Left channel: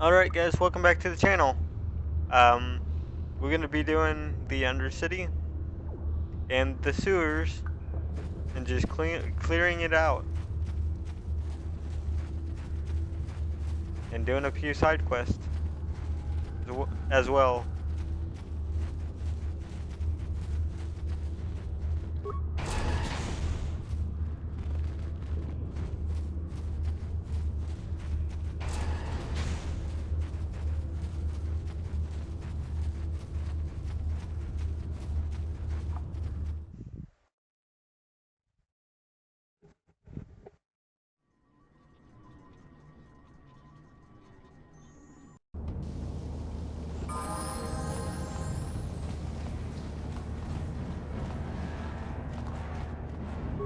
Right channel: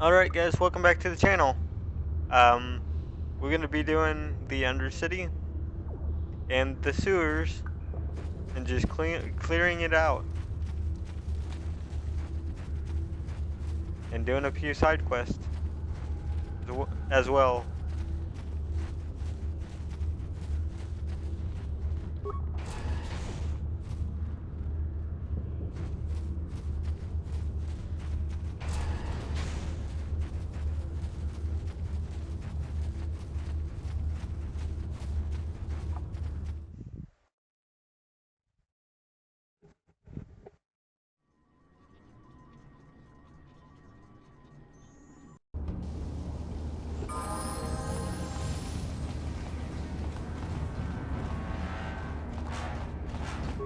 Alright guys, welcome back to the channel. Um, we're gonna be doing the Undercity and the sewers and just clearing it out. And doing a few side quests as well.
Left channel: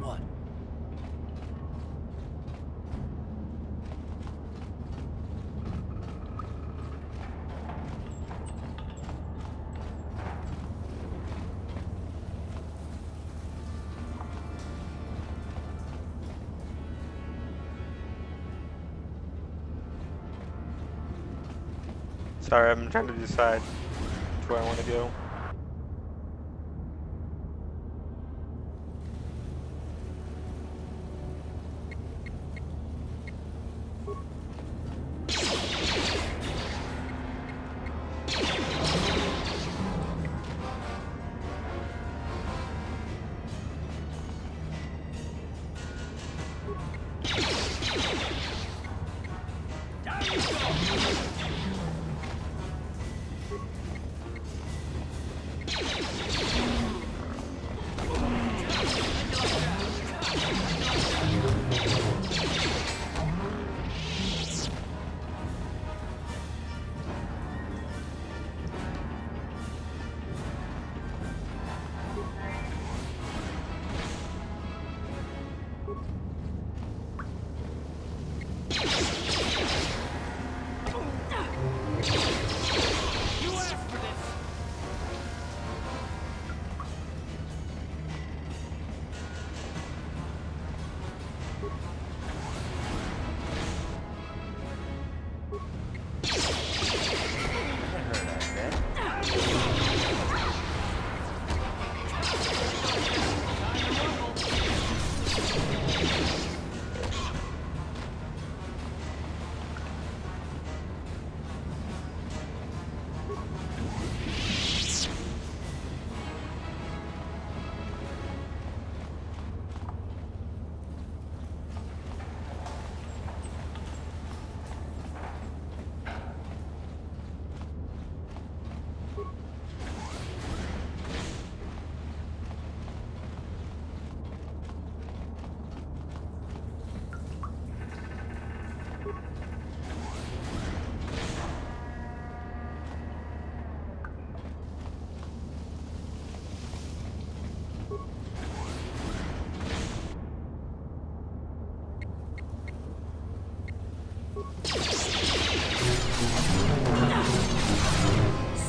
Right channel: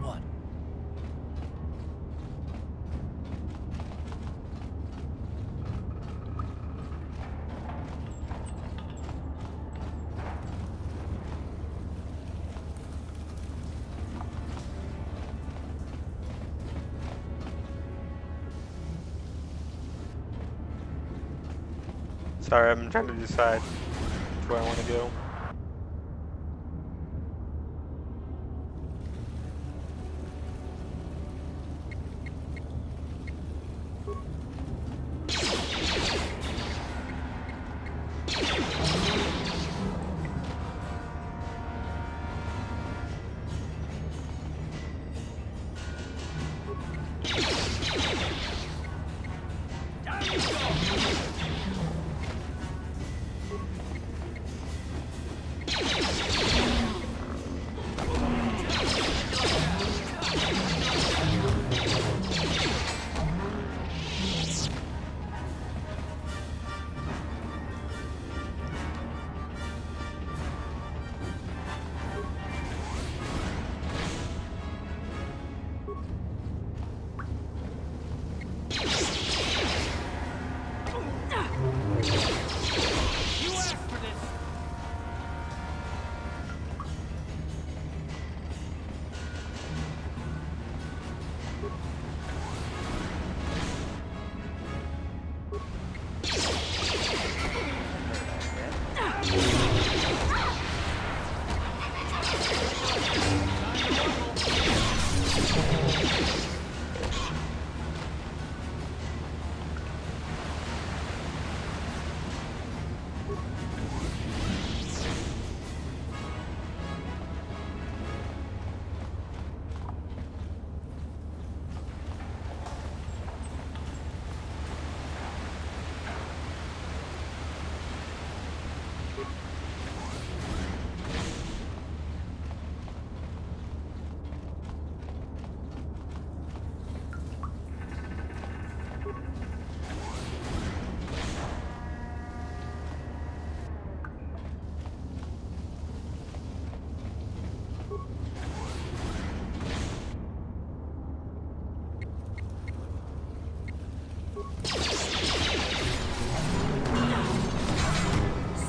What? Sorry, I'm trying to decide which way I want to go.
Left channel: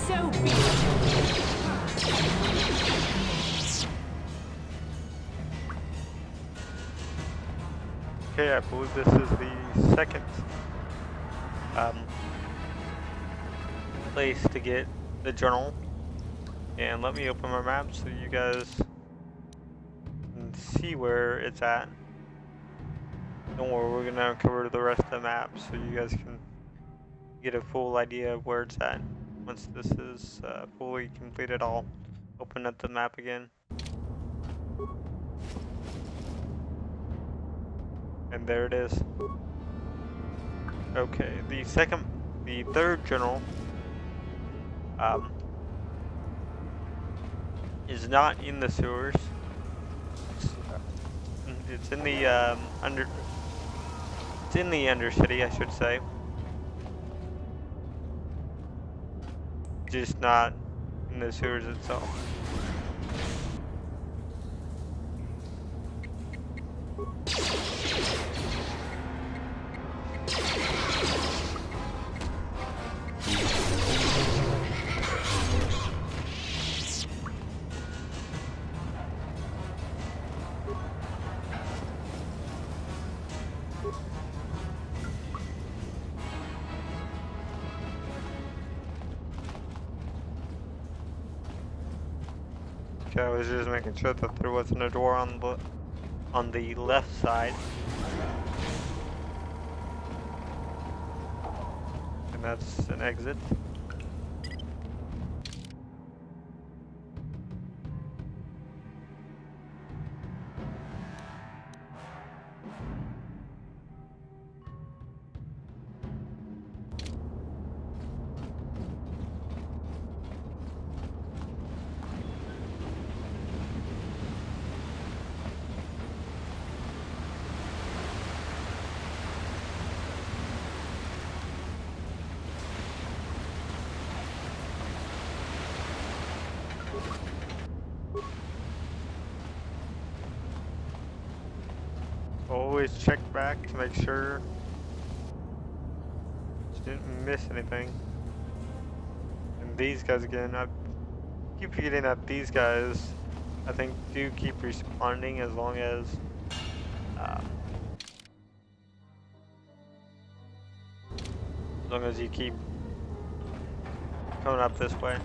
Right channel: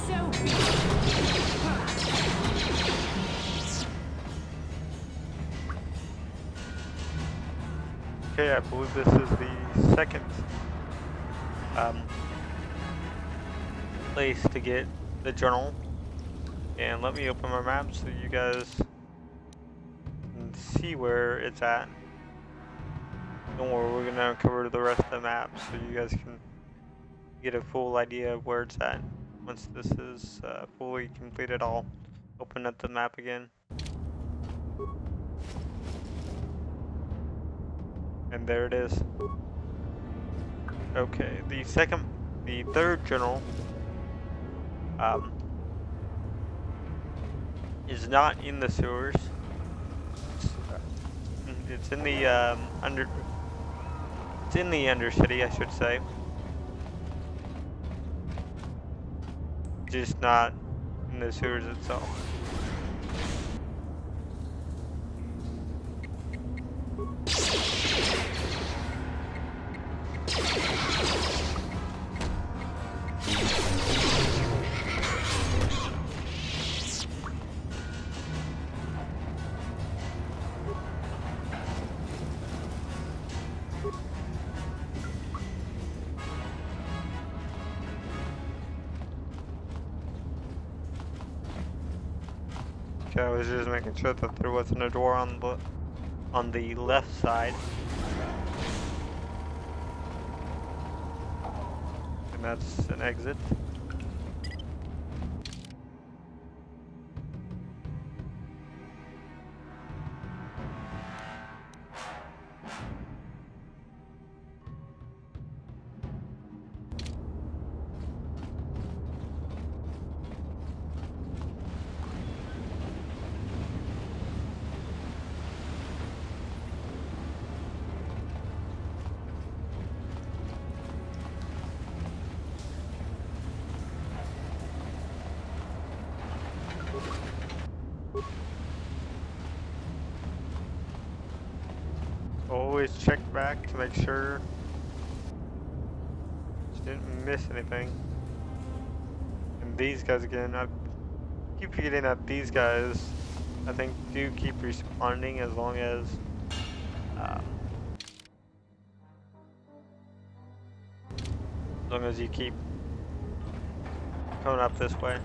So be it. Okay, I believe this is the second place to get the journal. And let me open my map so you guys can see where it's at. Don't worry, we're gonna cover the rest of the map so you guys can get a full idea of where it's at. Once this is fully completed, I'll open up the map again. And there it is. Okay, the third journal is not in the sewers. It's in the It's in the Undercity, I should say. Just not in the sewers itself. Okay, I was just making sure that there wasn't a door on the left side. And that's an exit. Always check back to make sure you didn't miss anything. And these guys again, I keep forgetting that these guys, I think, do keep responding as long as you keep coming up this way.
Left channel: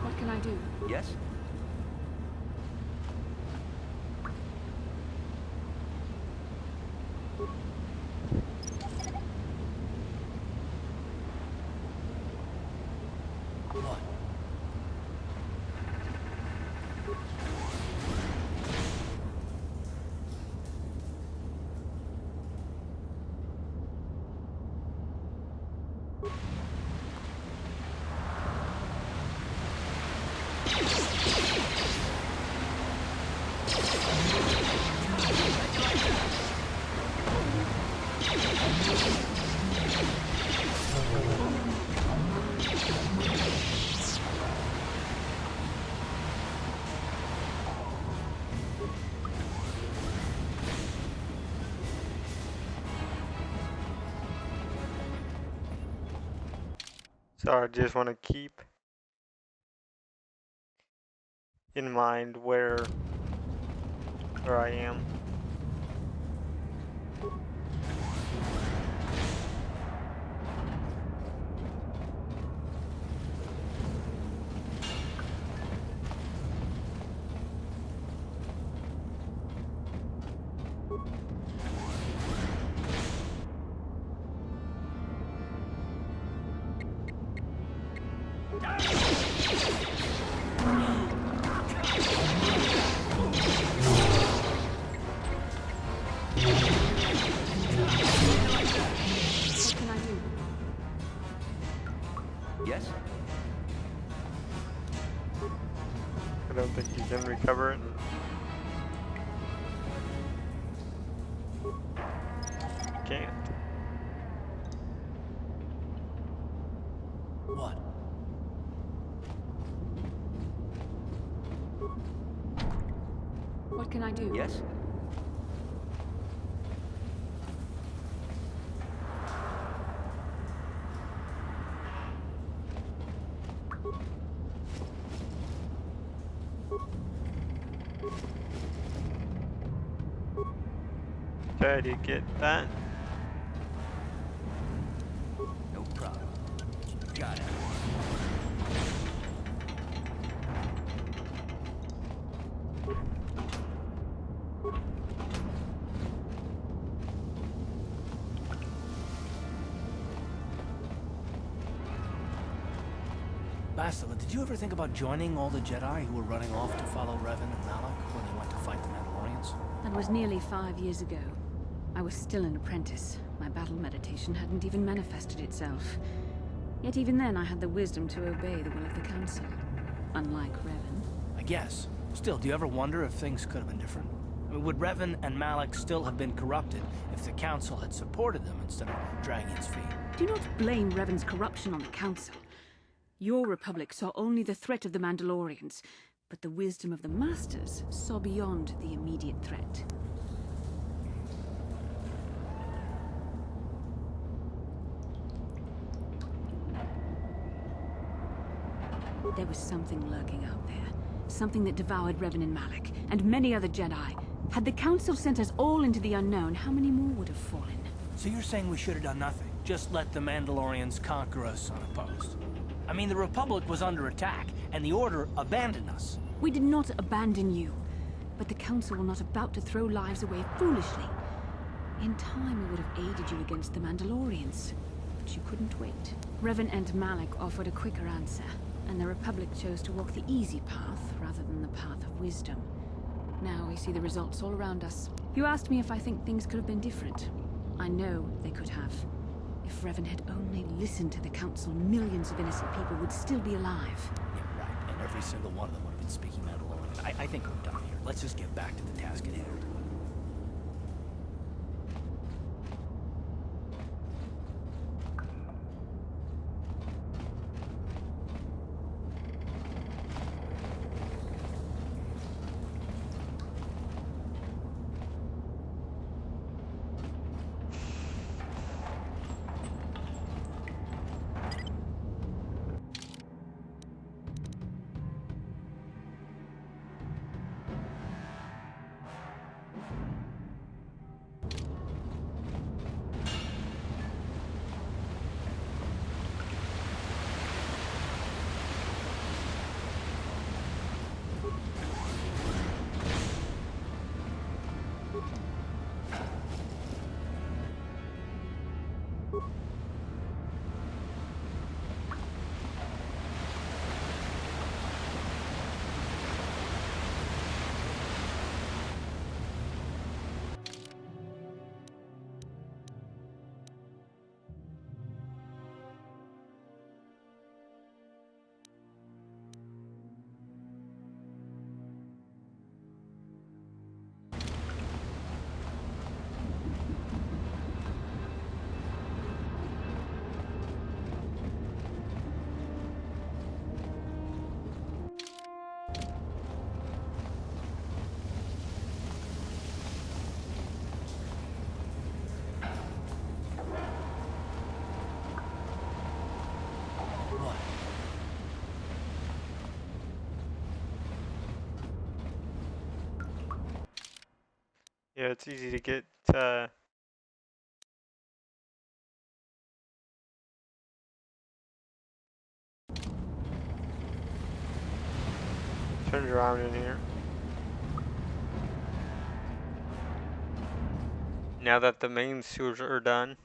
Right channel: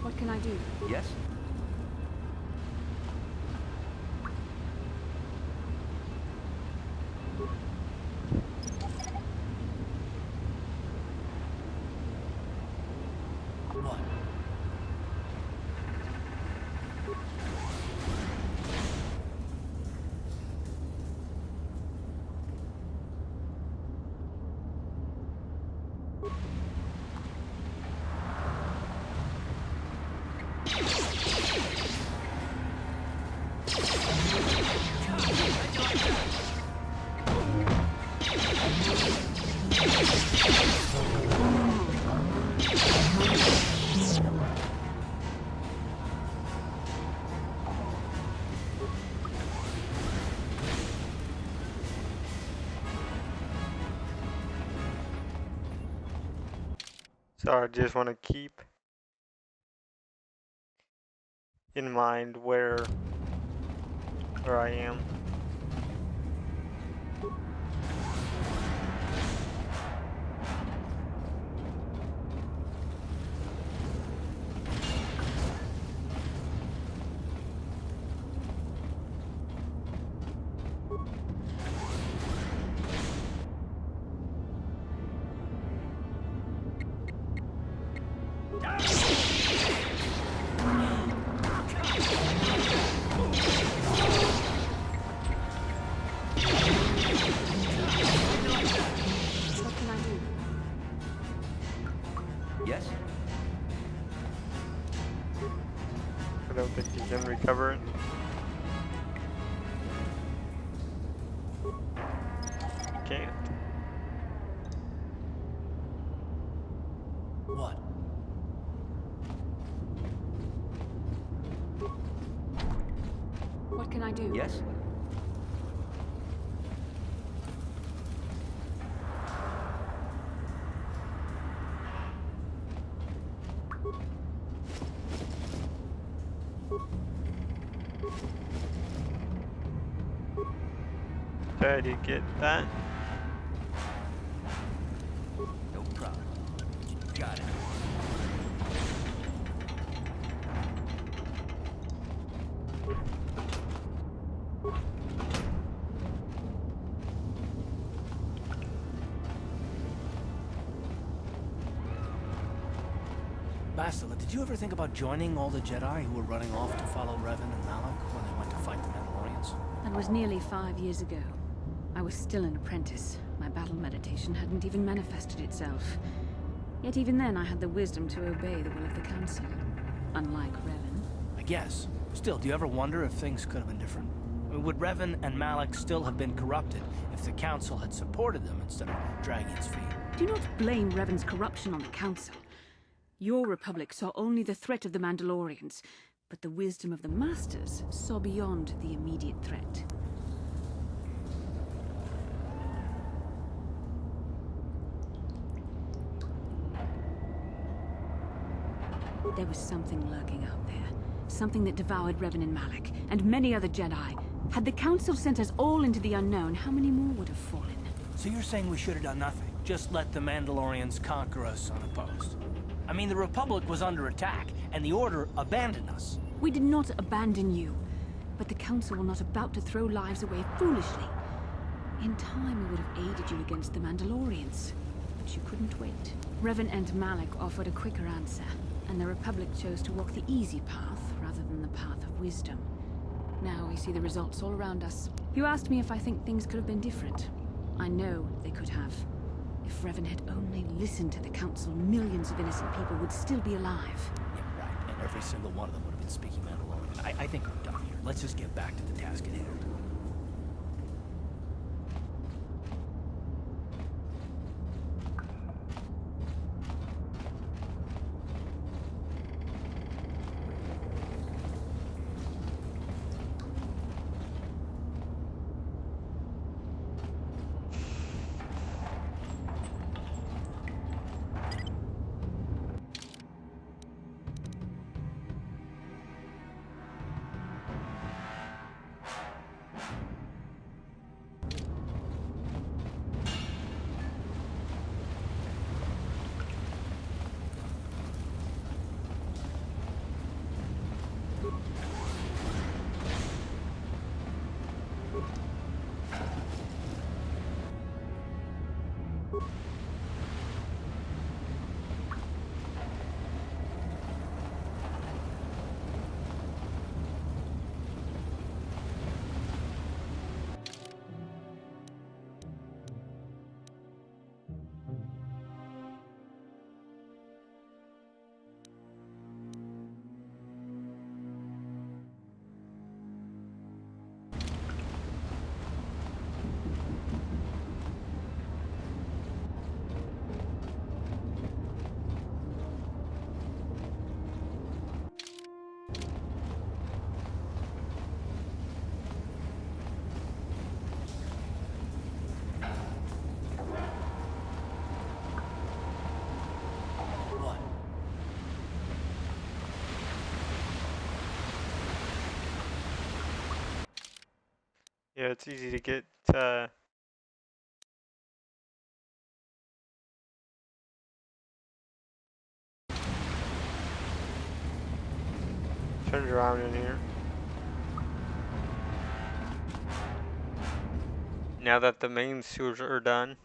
What can I do? Yes? What? So I just want to keep in mind where I am. What can I do? Yes? I don't think you can recover it. Can't. What? What can I do? Yes? Okay, did you get that? No problem. Got it. Bastila, did you ever think about joining all the Jedi who were running off to follow Revan and Malak when they went to fight the Mandalorians? That was nearly 5 years ago. I was still an apprentice. My battle meditation hadn't even manifested itself. Yet even then I had the wisdom to obey the will of the Council. Unlike Revan. I guess. Still, do you ever wonder if things could have been different? I mean, would Revan and Malak still have been corrupted if the Council had supported them instead of dragging its feet? Do not blame Revan's corruption on the Council. Your Republic saw only the threat of the Mandalorians, but the wisdom of the Masters saw beyond the immediate threat. There was something lurking out there. Something that devoured Revan and Malak, and many other Jedi. Had the Council sent us all into the unknown, how many more would have fallen? So you're saying we should have done nothing? Just let the Mandalorians conquer us unopposed? I mean, the Republic was under attack, and the Order abandoned us. We did not abandon you. But the Council were not about to throw lives away foolishly. In time, we would have aided you against the Mandalorians. But you couldn't wait. Revan and Malak offered a quicker answer, and the Republic chose to walk the easy path rather than the path of wisdom. Now we see the results all around us. You asked me if I think things could have been different. I know they could have. If Revan had only listened to the Council, millions of innocent people would still be alive. Yeah, right. And every single one of them would have been speaking Mandalorian. I think we're done here. Let's just get back to the task at hand. What? Yeah, it's easy to get turned around in here. Now that the main sewers are done,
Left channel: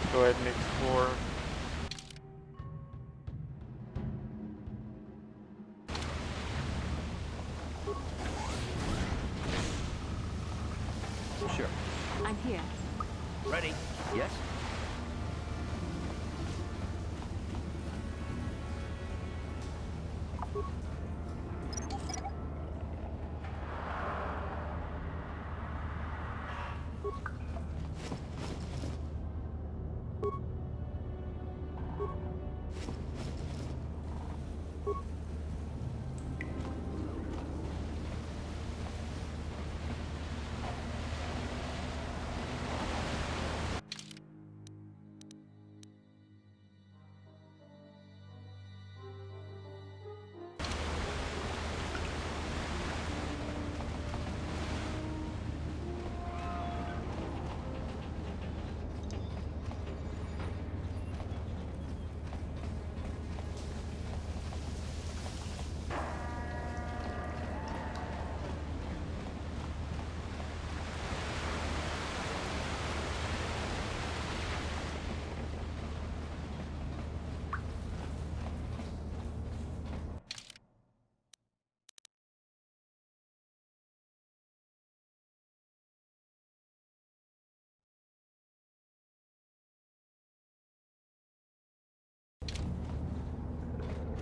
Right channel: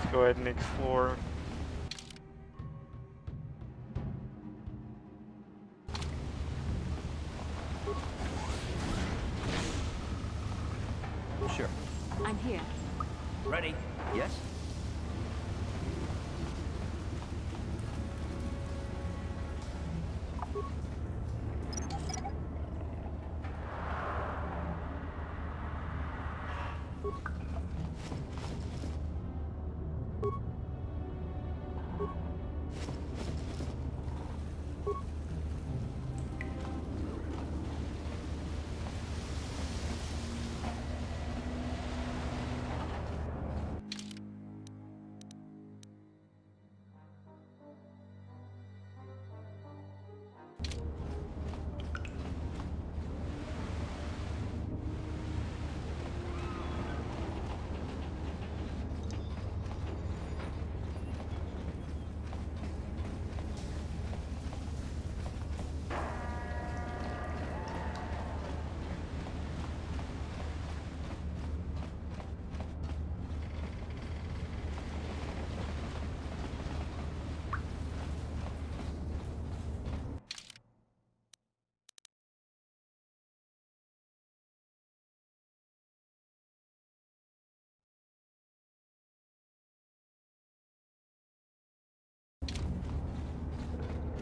let's go ahead and explore. Sure. I'm here. Ready? Yes?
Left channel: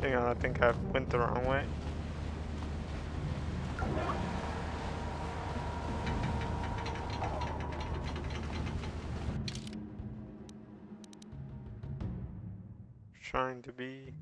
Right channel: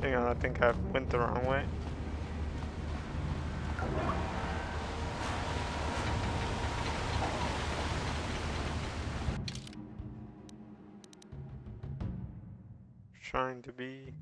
Hang on, I think I went the wrong way. Trying to be.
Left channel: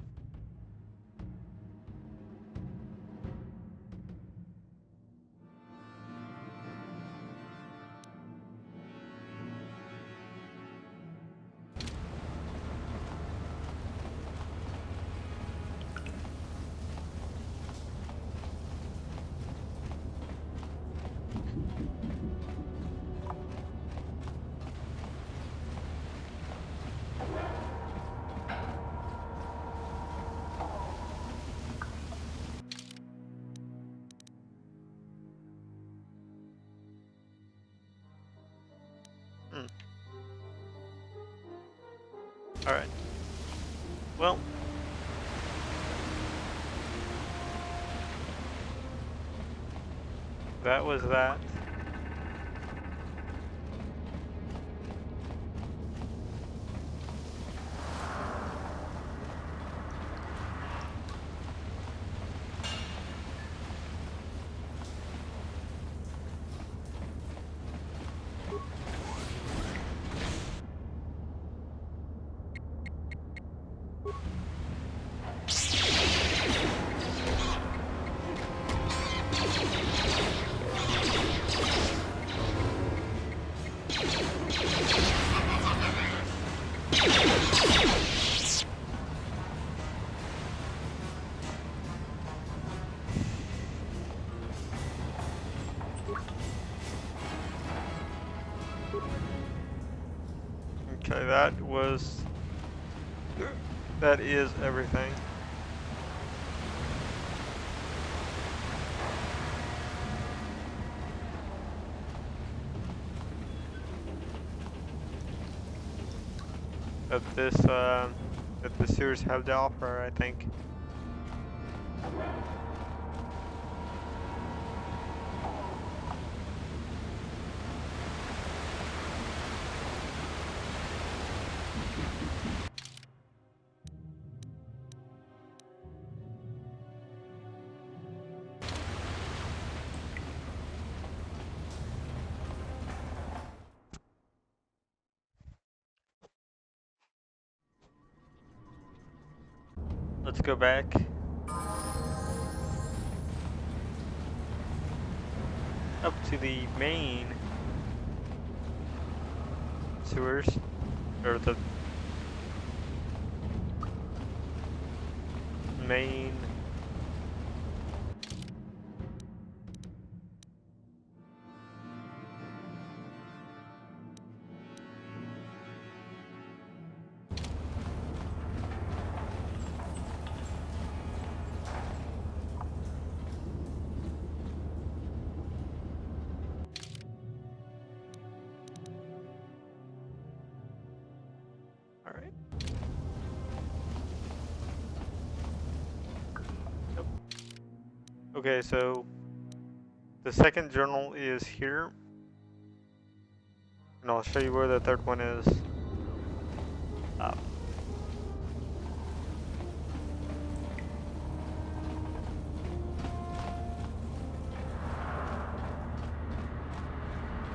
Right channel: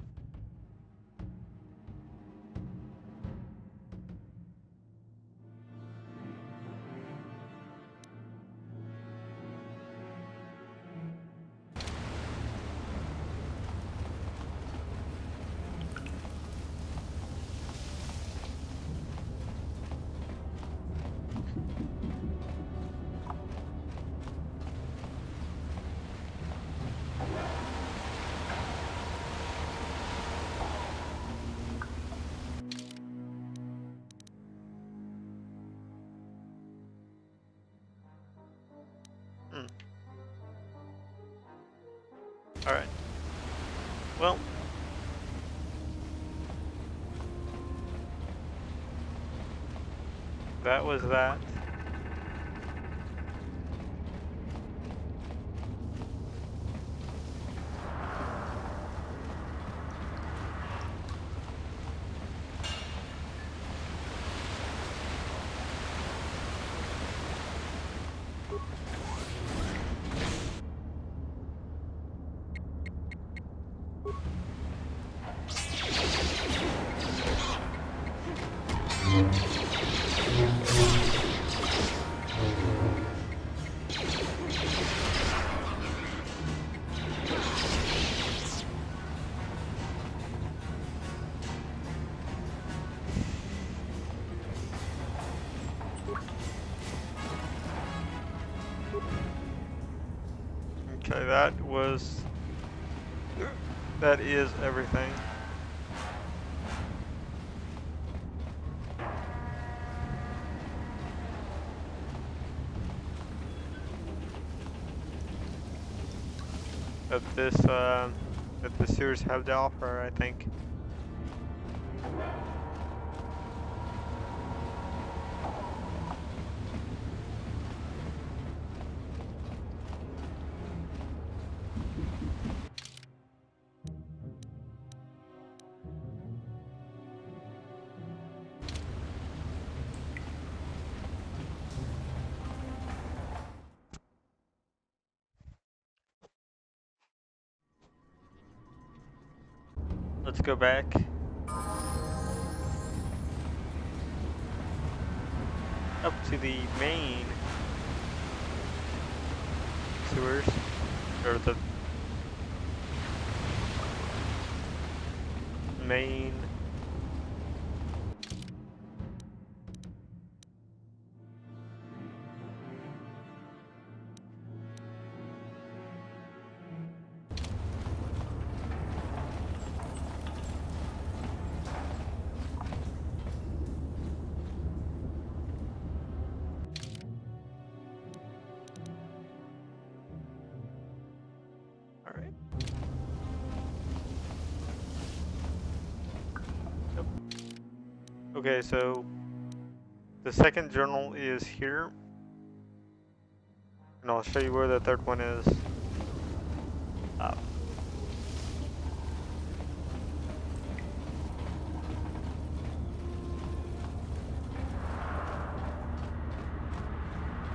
Alright. Well. That was that. Okay, that is everything. That the sewers have to offer, I think. Let's go back. Up to the main sewers, or the main Alright. Yep. Okay, so the second journal is here. And I'll show you where the third one is.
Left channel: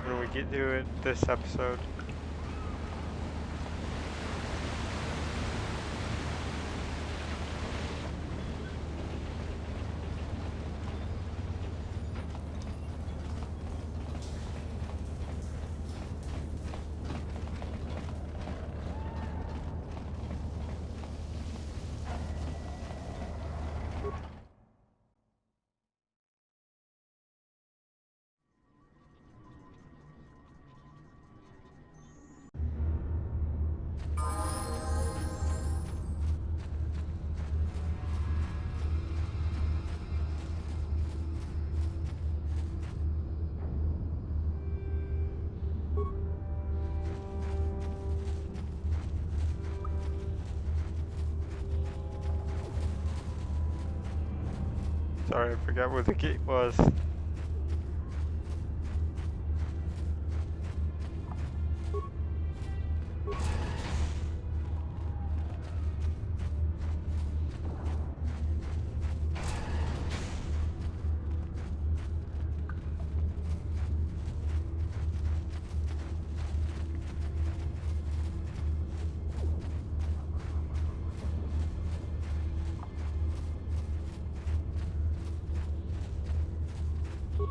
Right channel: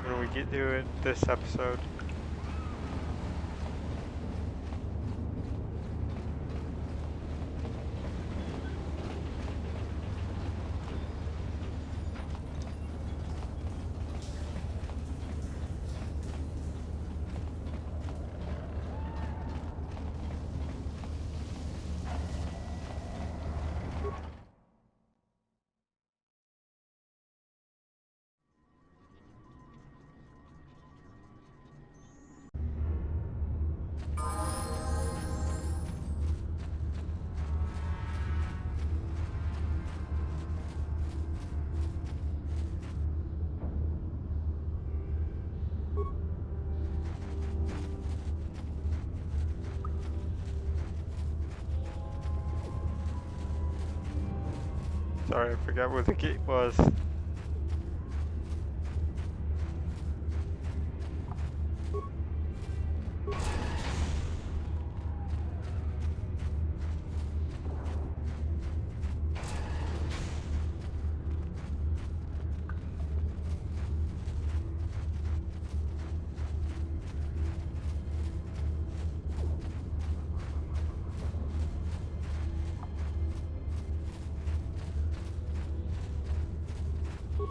When we get to it this episode. Sorry, I forgot where the gate was.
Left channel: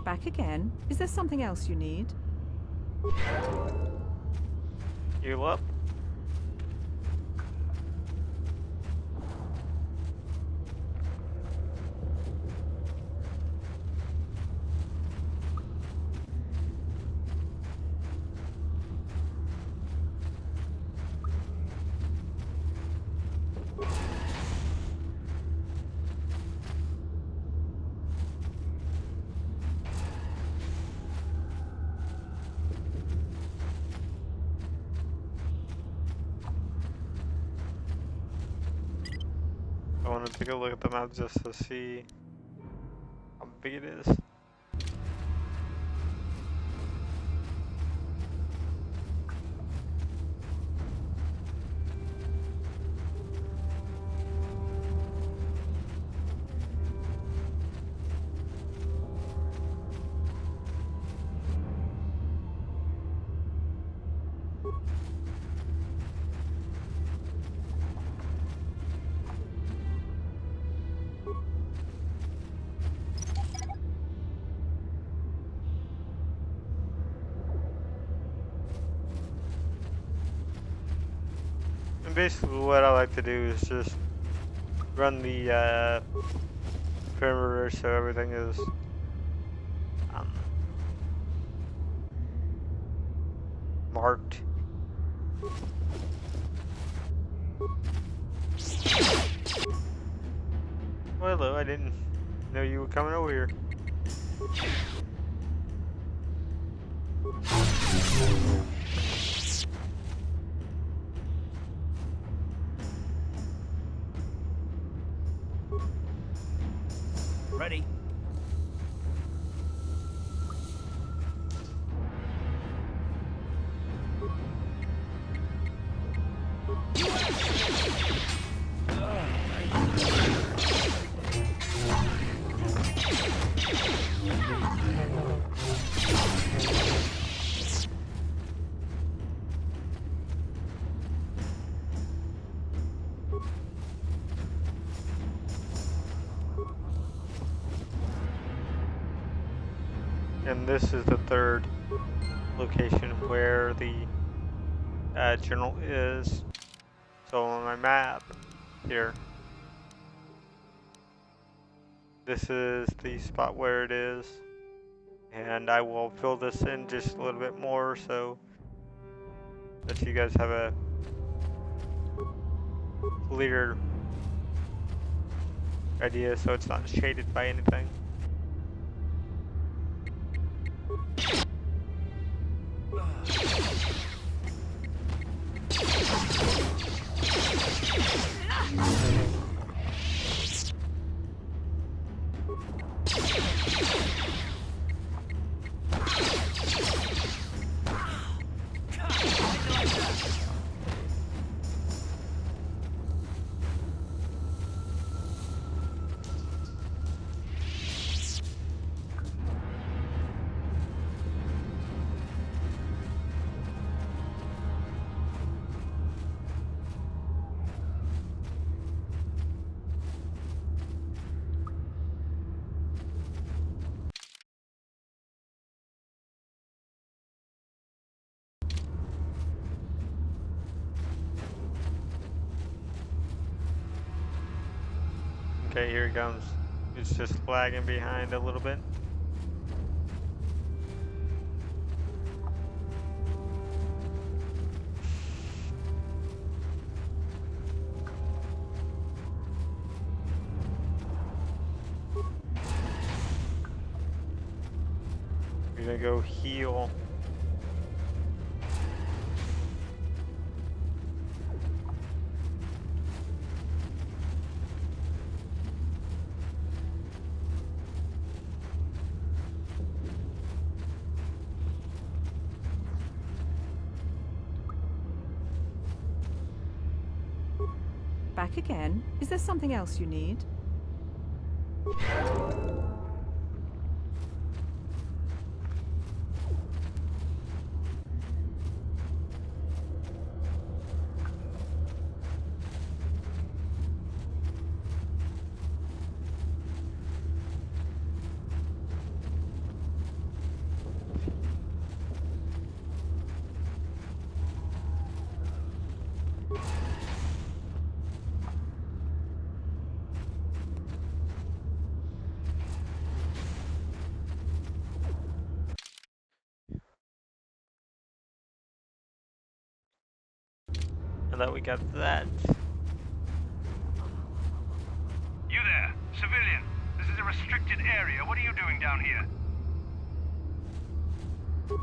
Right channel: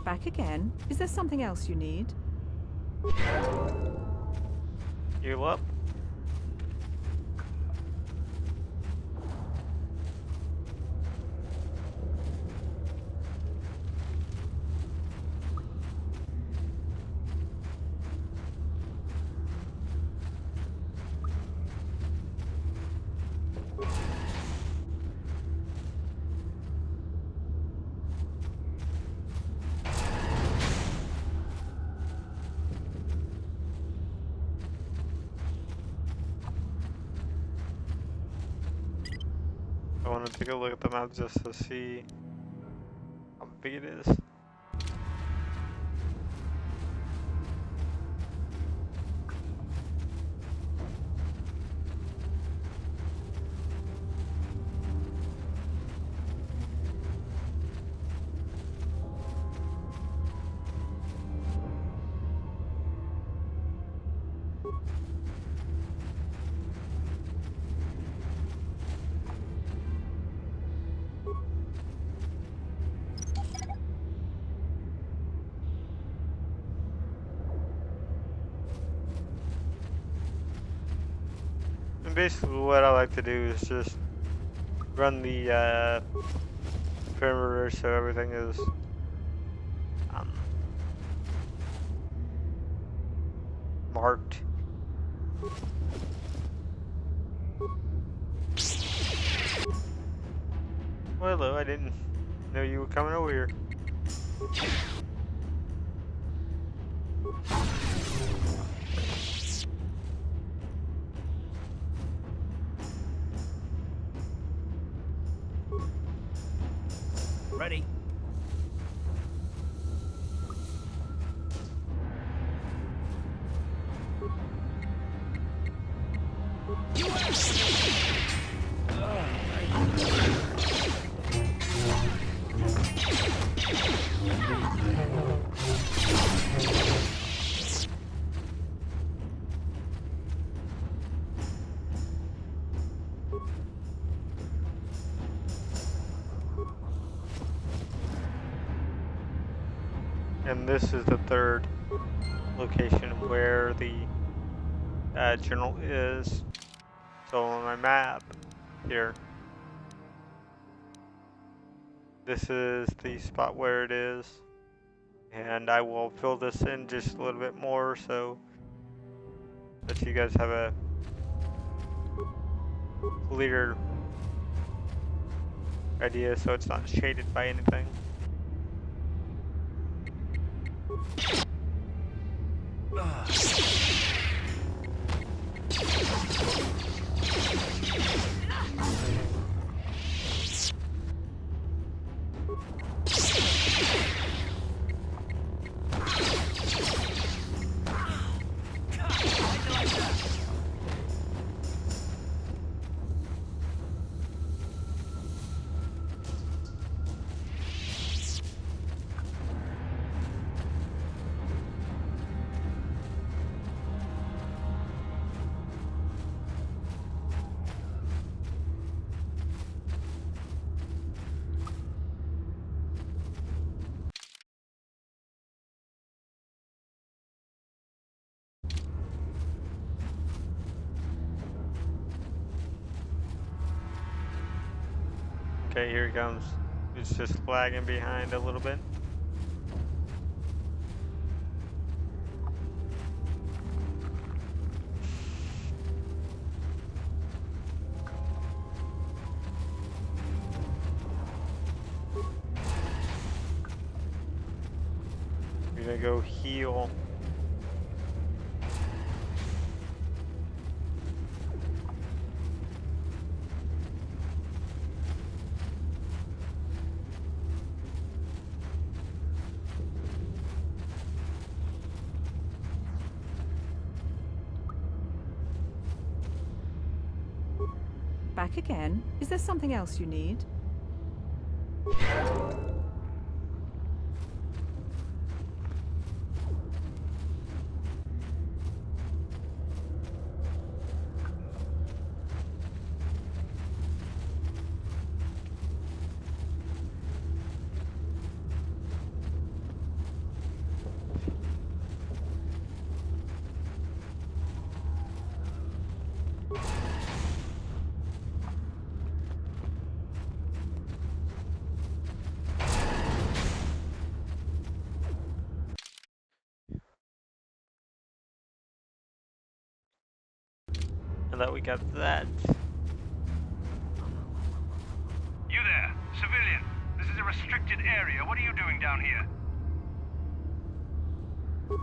Back again? Is there something else you need? Heal up. I want to take a look at the map just to see how big it is. And basically what I like to do is just run the perimeter so everything is marked. Well, hello, I didn't know you were coming over here. Ready? And this is the third location where the journal is. So on my map here, this is the spot where it is. And I will fill this in just a little bit more so that you guys have a clear idea so it's not shaded by anything. Okay, here it comes. It's just lagging behind a little bit. We're gonna go heal. Back again? Is there something else you need? And that we got that. You there, civilian. This is a restricted area. What are you doing down here?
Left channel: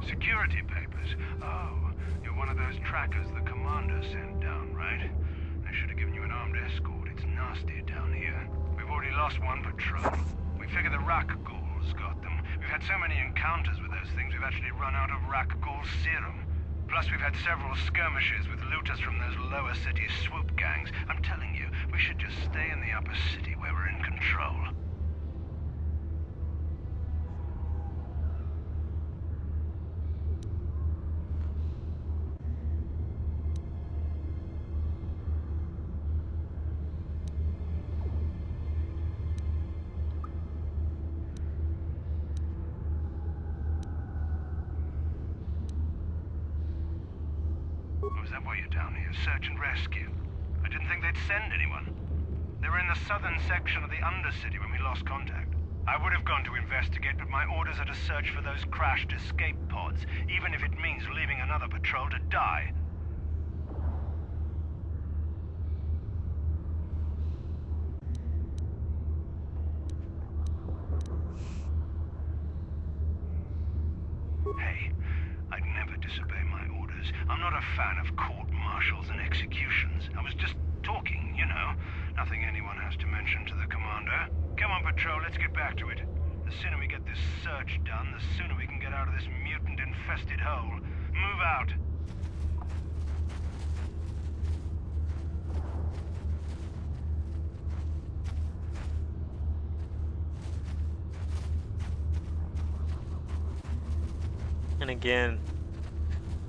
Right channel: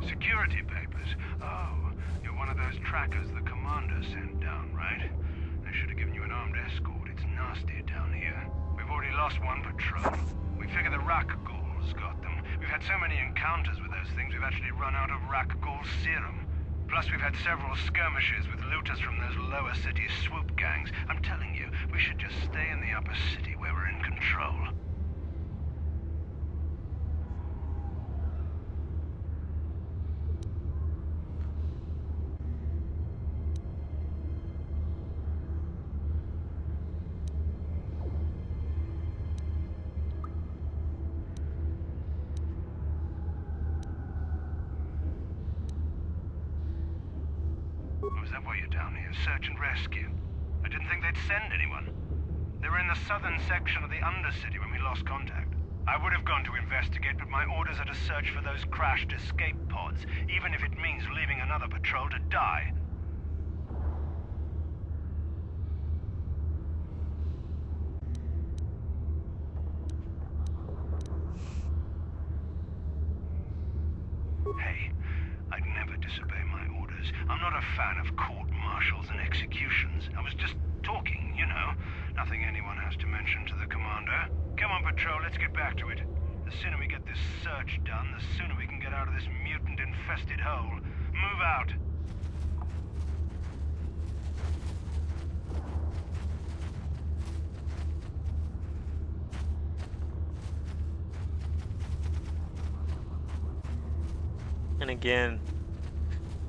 Security papers. Oh, you're one of those trackers the commander sent down, right? They should have given you an armed escort. It It's nasty down here. We've already lost one patrol. We figure the Rakghouls got them. We've had so many encounters with those things, we've actually run out of Rakghoul Serum. Plus, we've had several skirmishes with looters from those lower city swoop gangs. I'm telling you, we should just stay in the upper city where we're in control. Was that why you're down here? Search and rescue? I didn't think they'd send anyone. They were in the southern section of the Undercity when we lost contact. I would have gone to investigate, but my orders are to search for those crashed escape pods, even if it means leaving another patrol to die. Hey, I'd never disobey my orders. I'm not a fan of court-martials and executions. I was just talking, you know. Nothing anyone has to mention to the commander. Come on, Patrol, let's get back to it. The sooner we get this search done, the sooner we can get out of this mutant-infested hole. Move out. And again,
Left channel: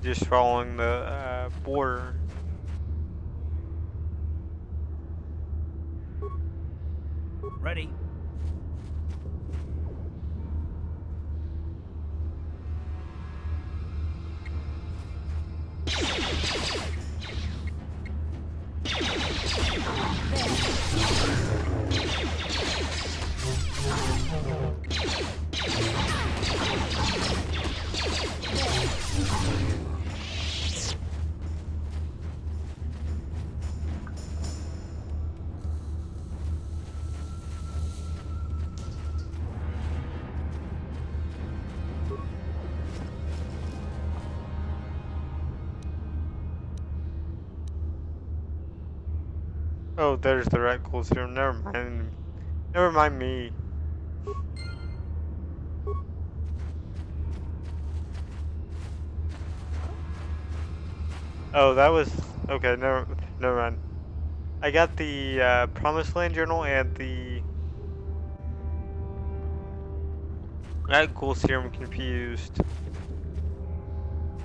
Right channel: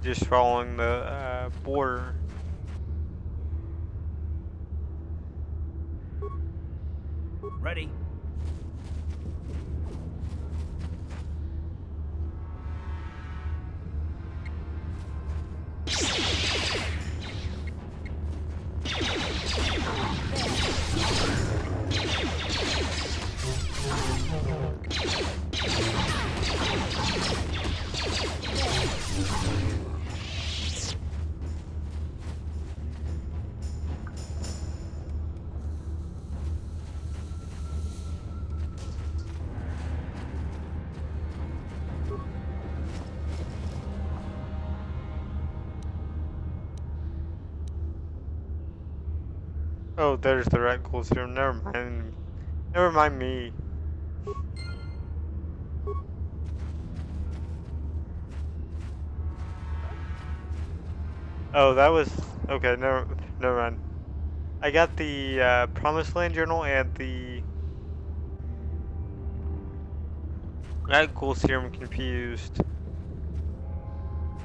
just following the border. Ready? Oh, there's the Rakghoul Serum. Never mind. Never mind me. Oh, that was okay. Never mind. I got the Promised Land Journal and the Rakghoul Serum confused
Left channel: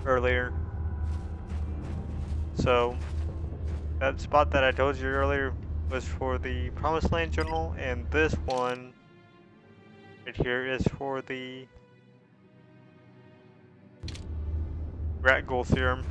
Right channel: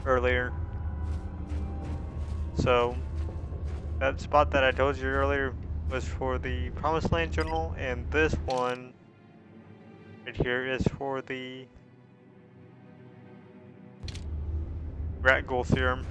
earlier. So that spot that I told you earlier was for the Promised Land Journal, and this one right here is for the Rakghoul Serum.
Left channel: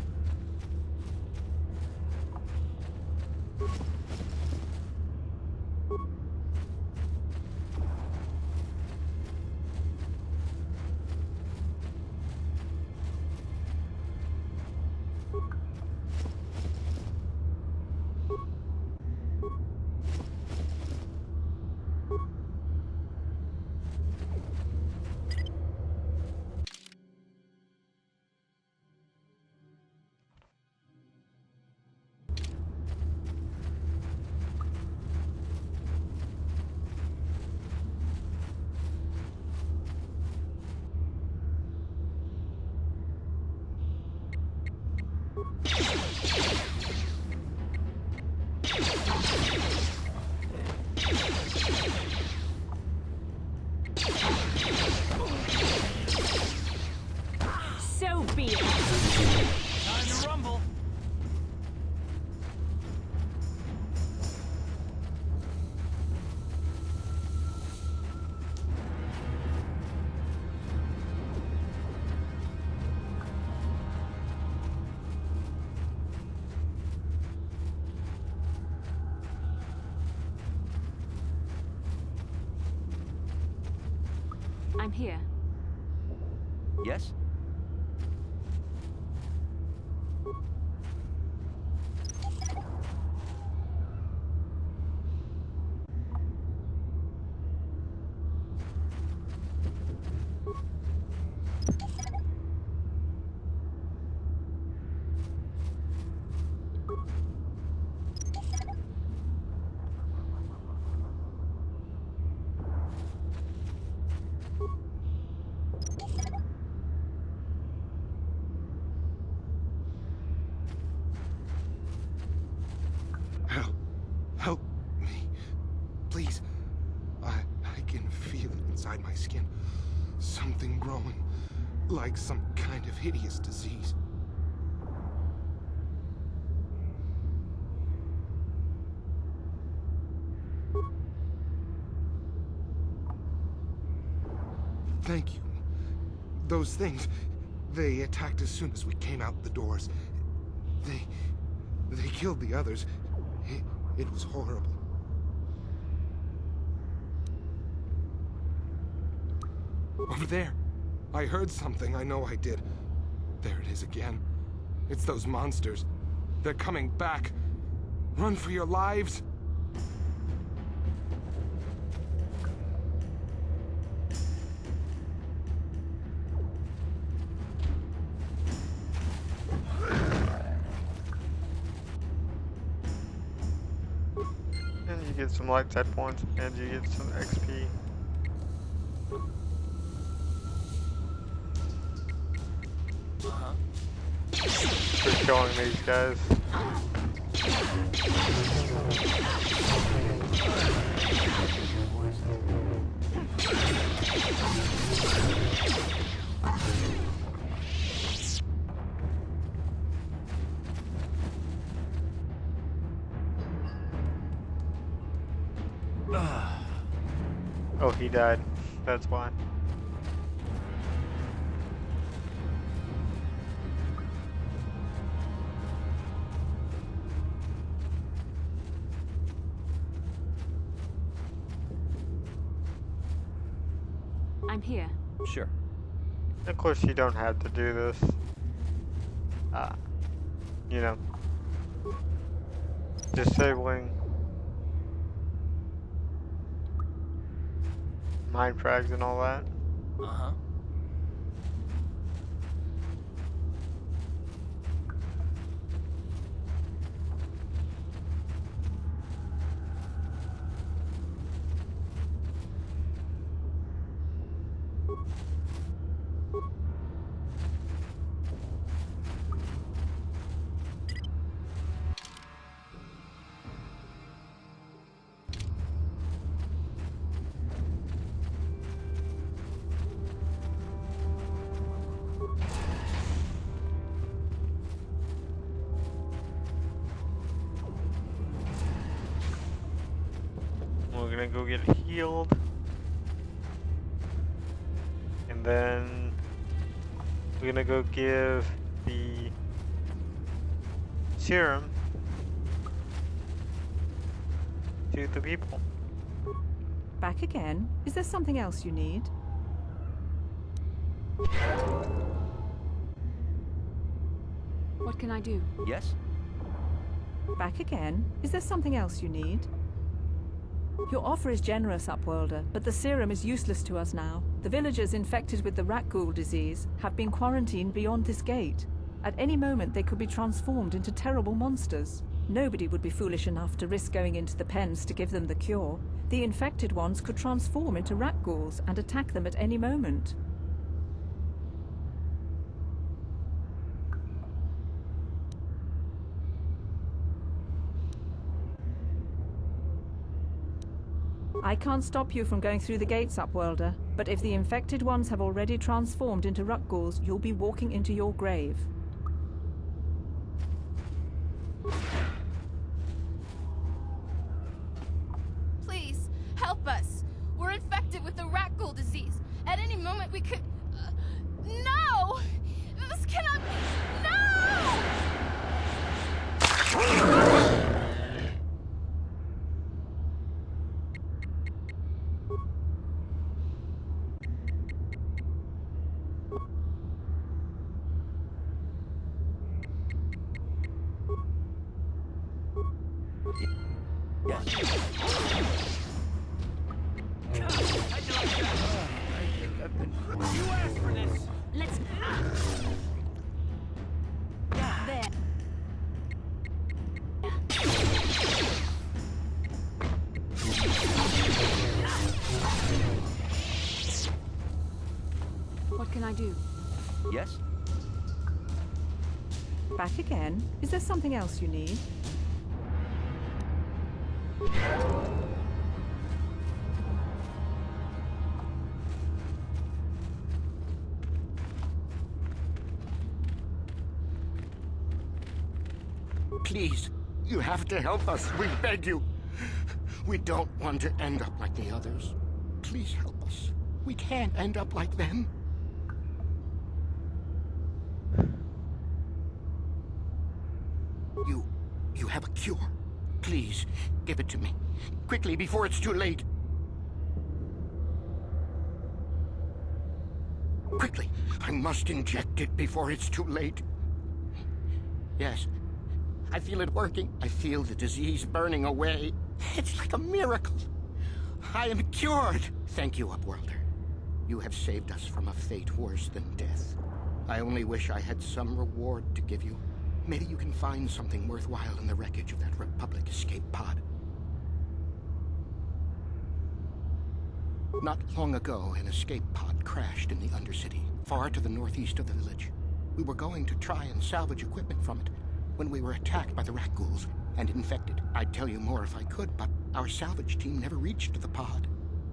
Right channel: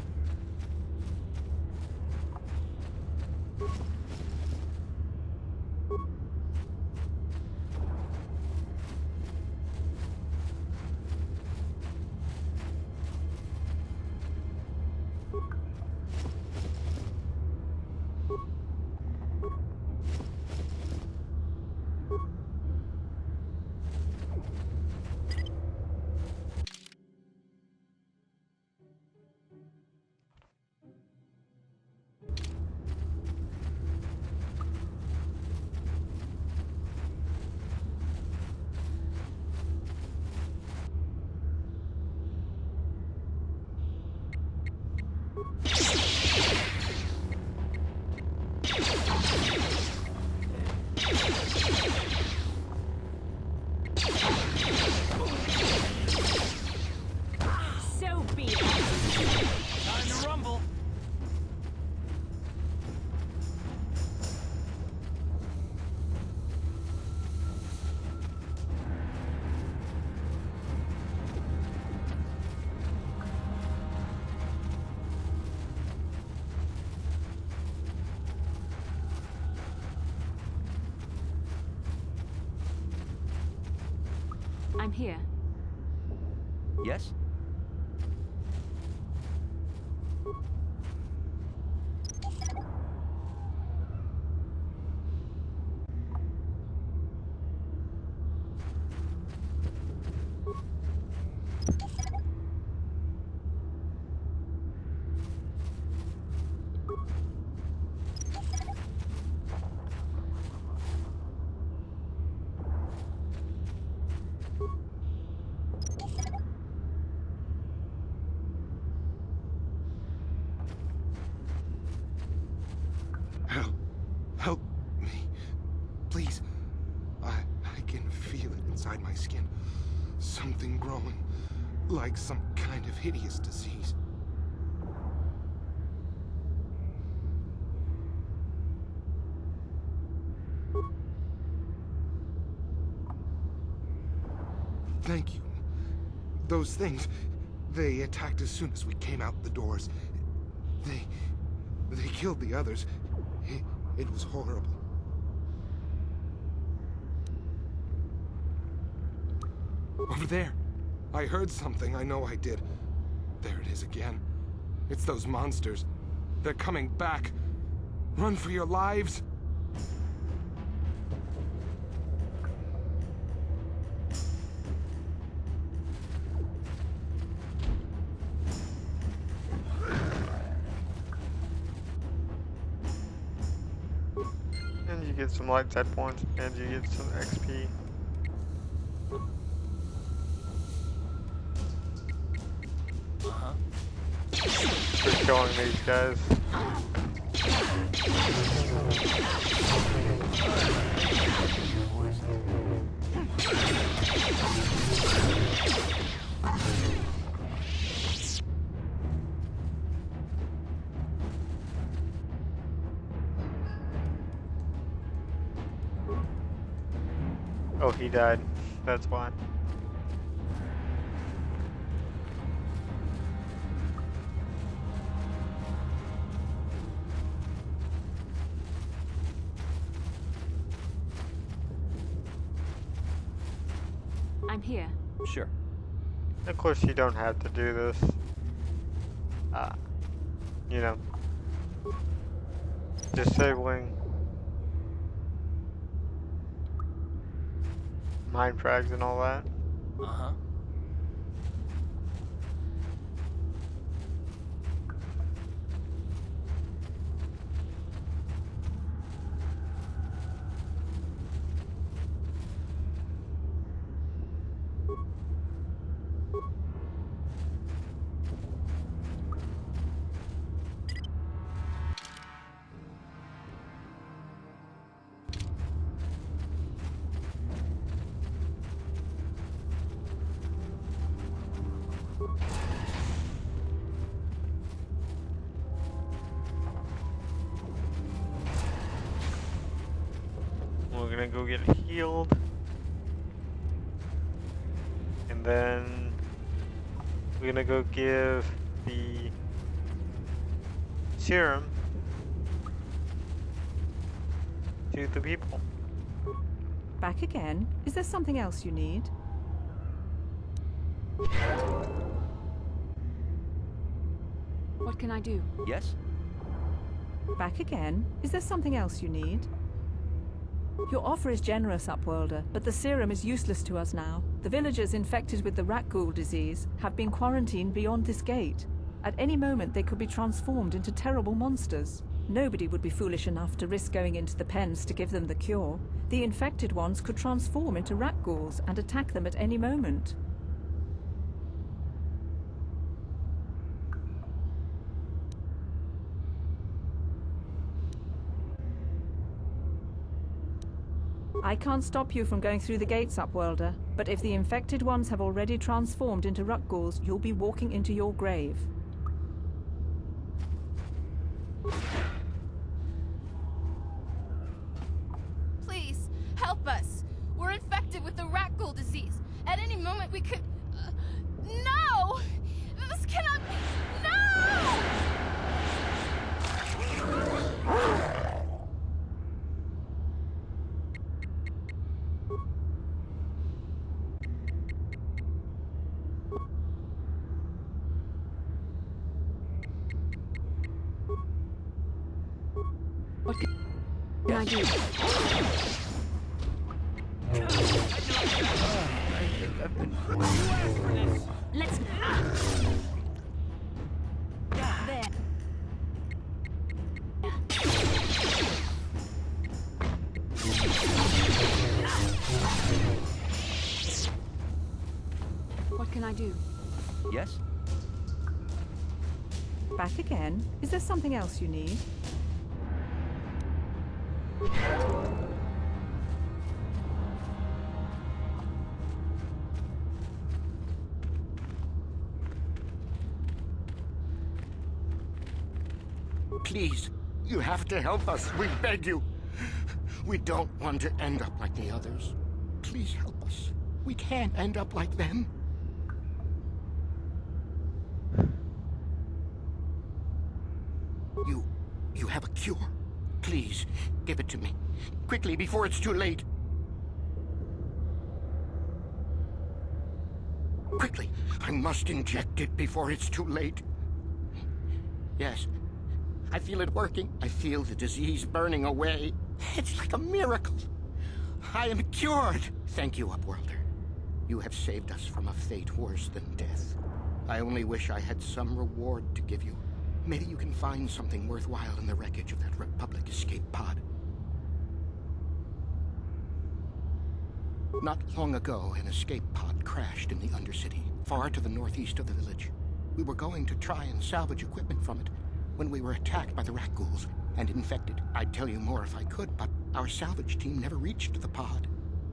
So be it. Time to rumble. I'm here. Yes? please. I can feel it inside my skin. Something growing, like some kind of hideous disease. Thank you. Those things, they attacked as soon as we came out the doors. They killed the others. It was horrible. Over there. I heard something, I know I did. There it is again. It's those monsters. They're coming back. Run for your lives! And you get some light side points, and you get some XP. Uh-huh. For killing these guys. Oh, he died. That's why. I'm here. Sure. Of course, you don't have to do this. You know, disabling mind frags and all that. Uh-huh. We're gonna go get healed. And then we're gonna go give the serum to the people. Back again? Is there something else you need? What can I do? Yes? Back again? Is there something else you need? Your offer is generous, Upworlder, but the serum is useless to us now. The villagers infected with the Rakghoul disease have been quarantined beyond this gate. At any moment they could be transformed into terrible monsters. Nobody would be foolish enough to risk going into the pens to give them the cure. The infected ones could transform into Rakghouls and attack them at any moment. I can't stop you from going through the gates, Upworlder, but if the infected ones have already transformed into Rakghouls, you'll be walking into your grave. Please, help us. We're infected with the Rakghoul disease. At any moment we could... no! This cannot be... No! What can I do? Let's... There. What can I do? Yes? Back again? Is there something else you need? Please, you have to help us. We beg you. We don't want to end up like the others. Please help us. We can't end up like them. You have a cure? Please, give it to me. Quickly, before it's too late. Quickly, I must inject it before it's too late. Yes, I feel it working. I feel the disease burning away. It's like a miracle. I am cured. Thank you, Upworlder. You have saved us from a fate worse than death. I only wish I had some reward to give you. Maybe you can find something worthwhile in the wreckage of that Republic escape pod. Not long ago, an escape pod crashed in the Undercity, far to the northeast of the village. We were going to try and salvage equipment from it when we were attacked by the Rakghouls and infected. I'd tell you more if I could, but our salvage team never reached the pod.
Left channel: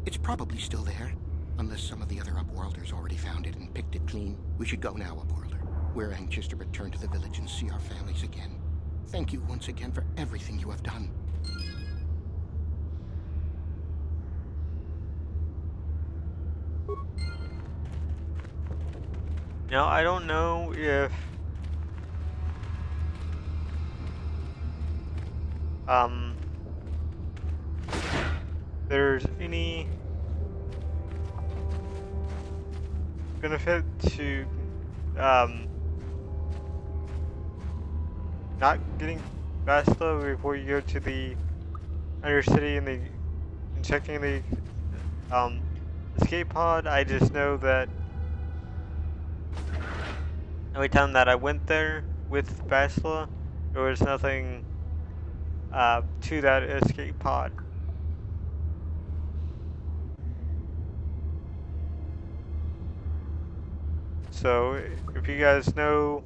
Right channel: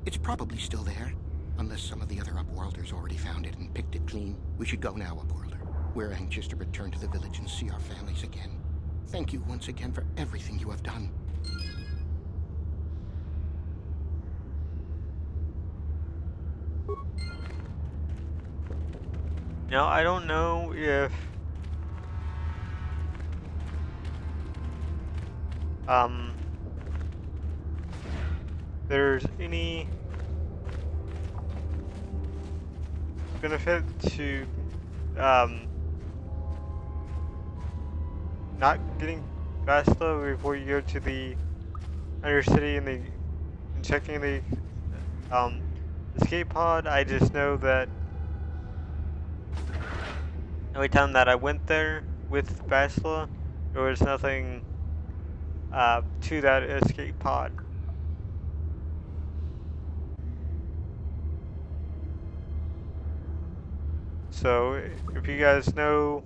It's probably still there, unless some of the other Upworlders already found it and picked it clean. We should go now, Upworlder. We're anxious to return to the village and see our families again. Thank you once again for everything you have done. Now, I don't know if there's any benefit to not getting Basta before you go to the Undercity and checking the escape pod. I just know that every time that I went there with Bastila, there was nothing to that escape pod. So if you guys know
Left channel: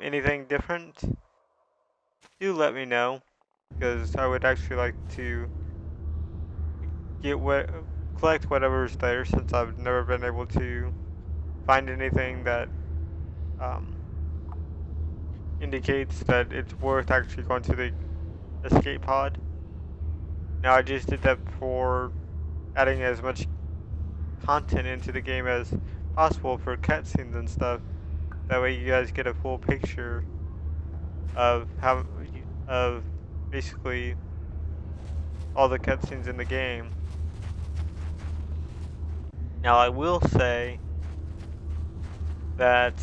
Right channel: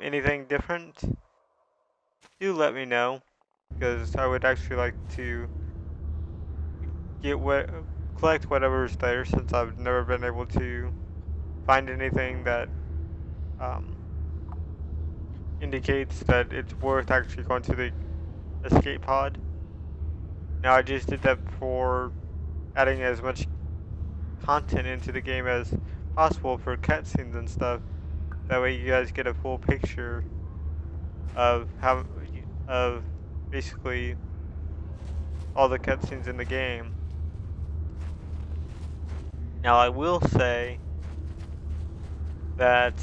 anything different, do let me know, because I would actually like to collect whatever's there, since I've never been able to find anything that indicates that it's worth actually going to the escape pod. Now, I just did that for adding as much content into the game as possible for cutscenes and stuff. That way you guys get a full picture of basically all the cutscenes in the game. Now, I will say that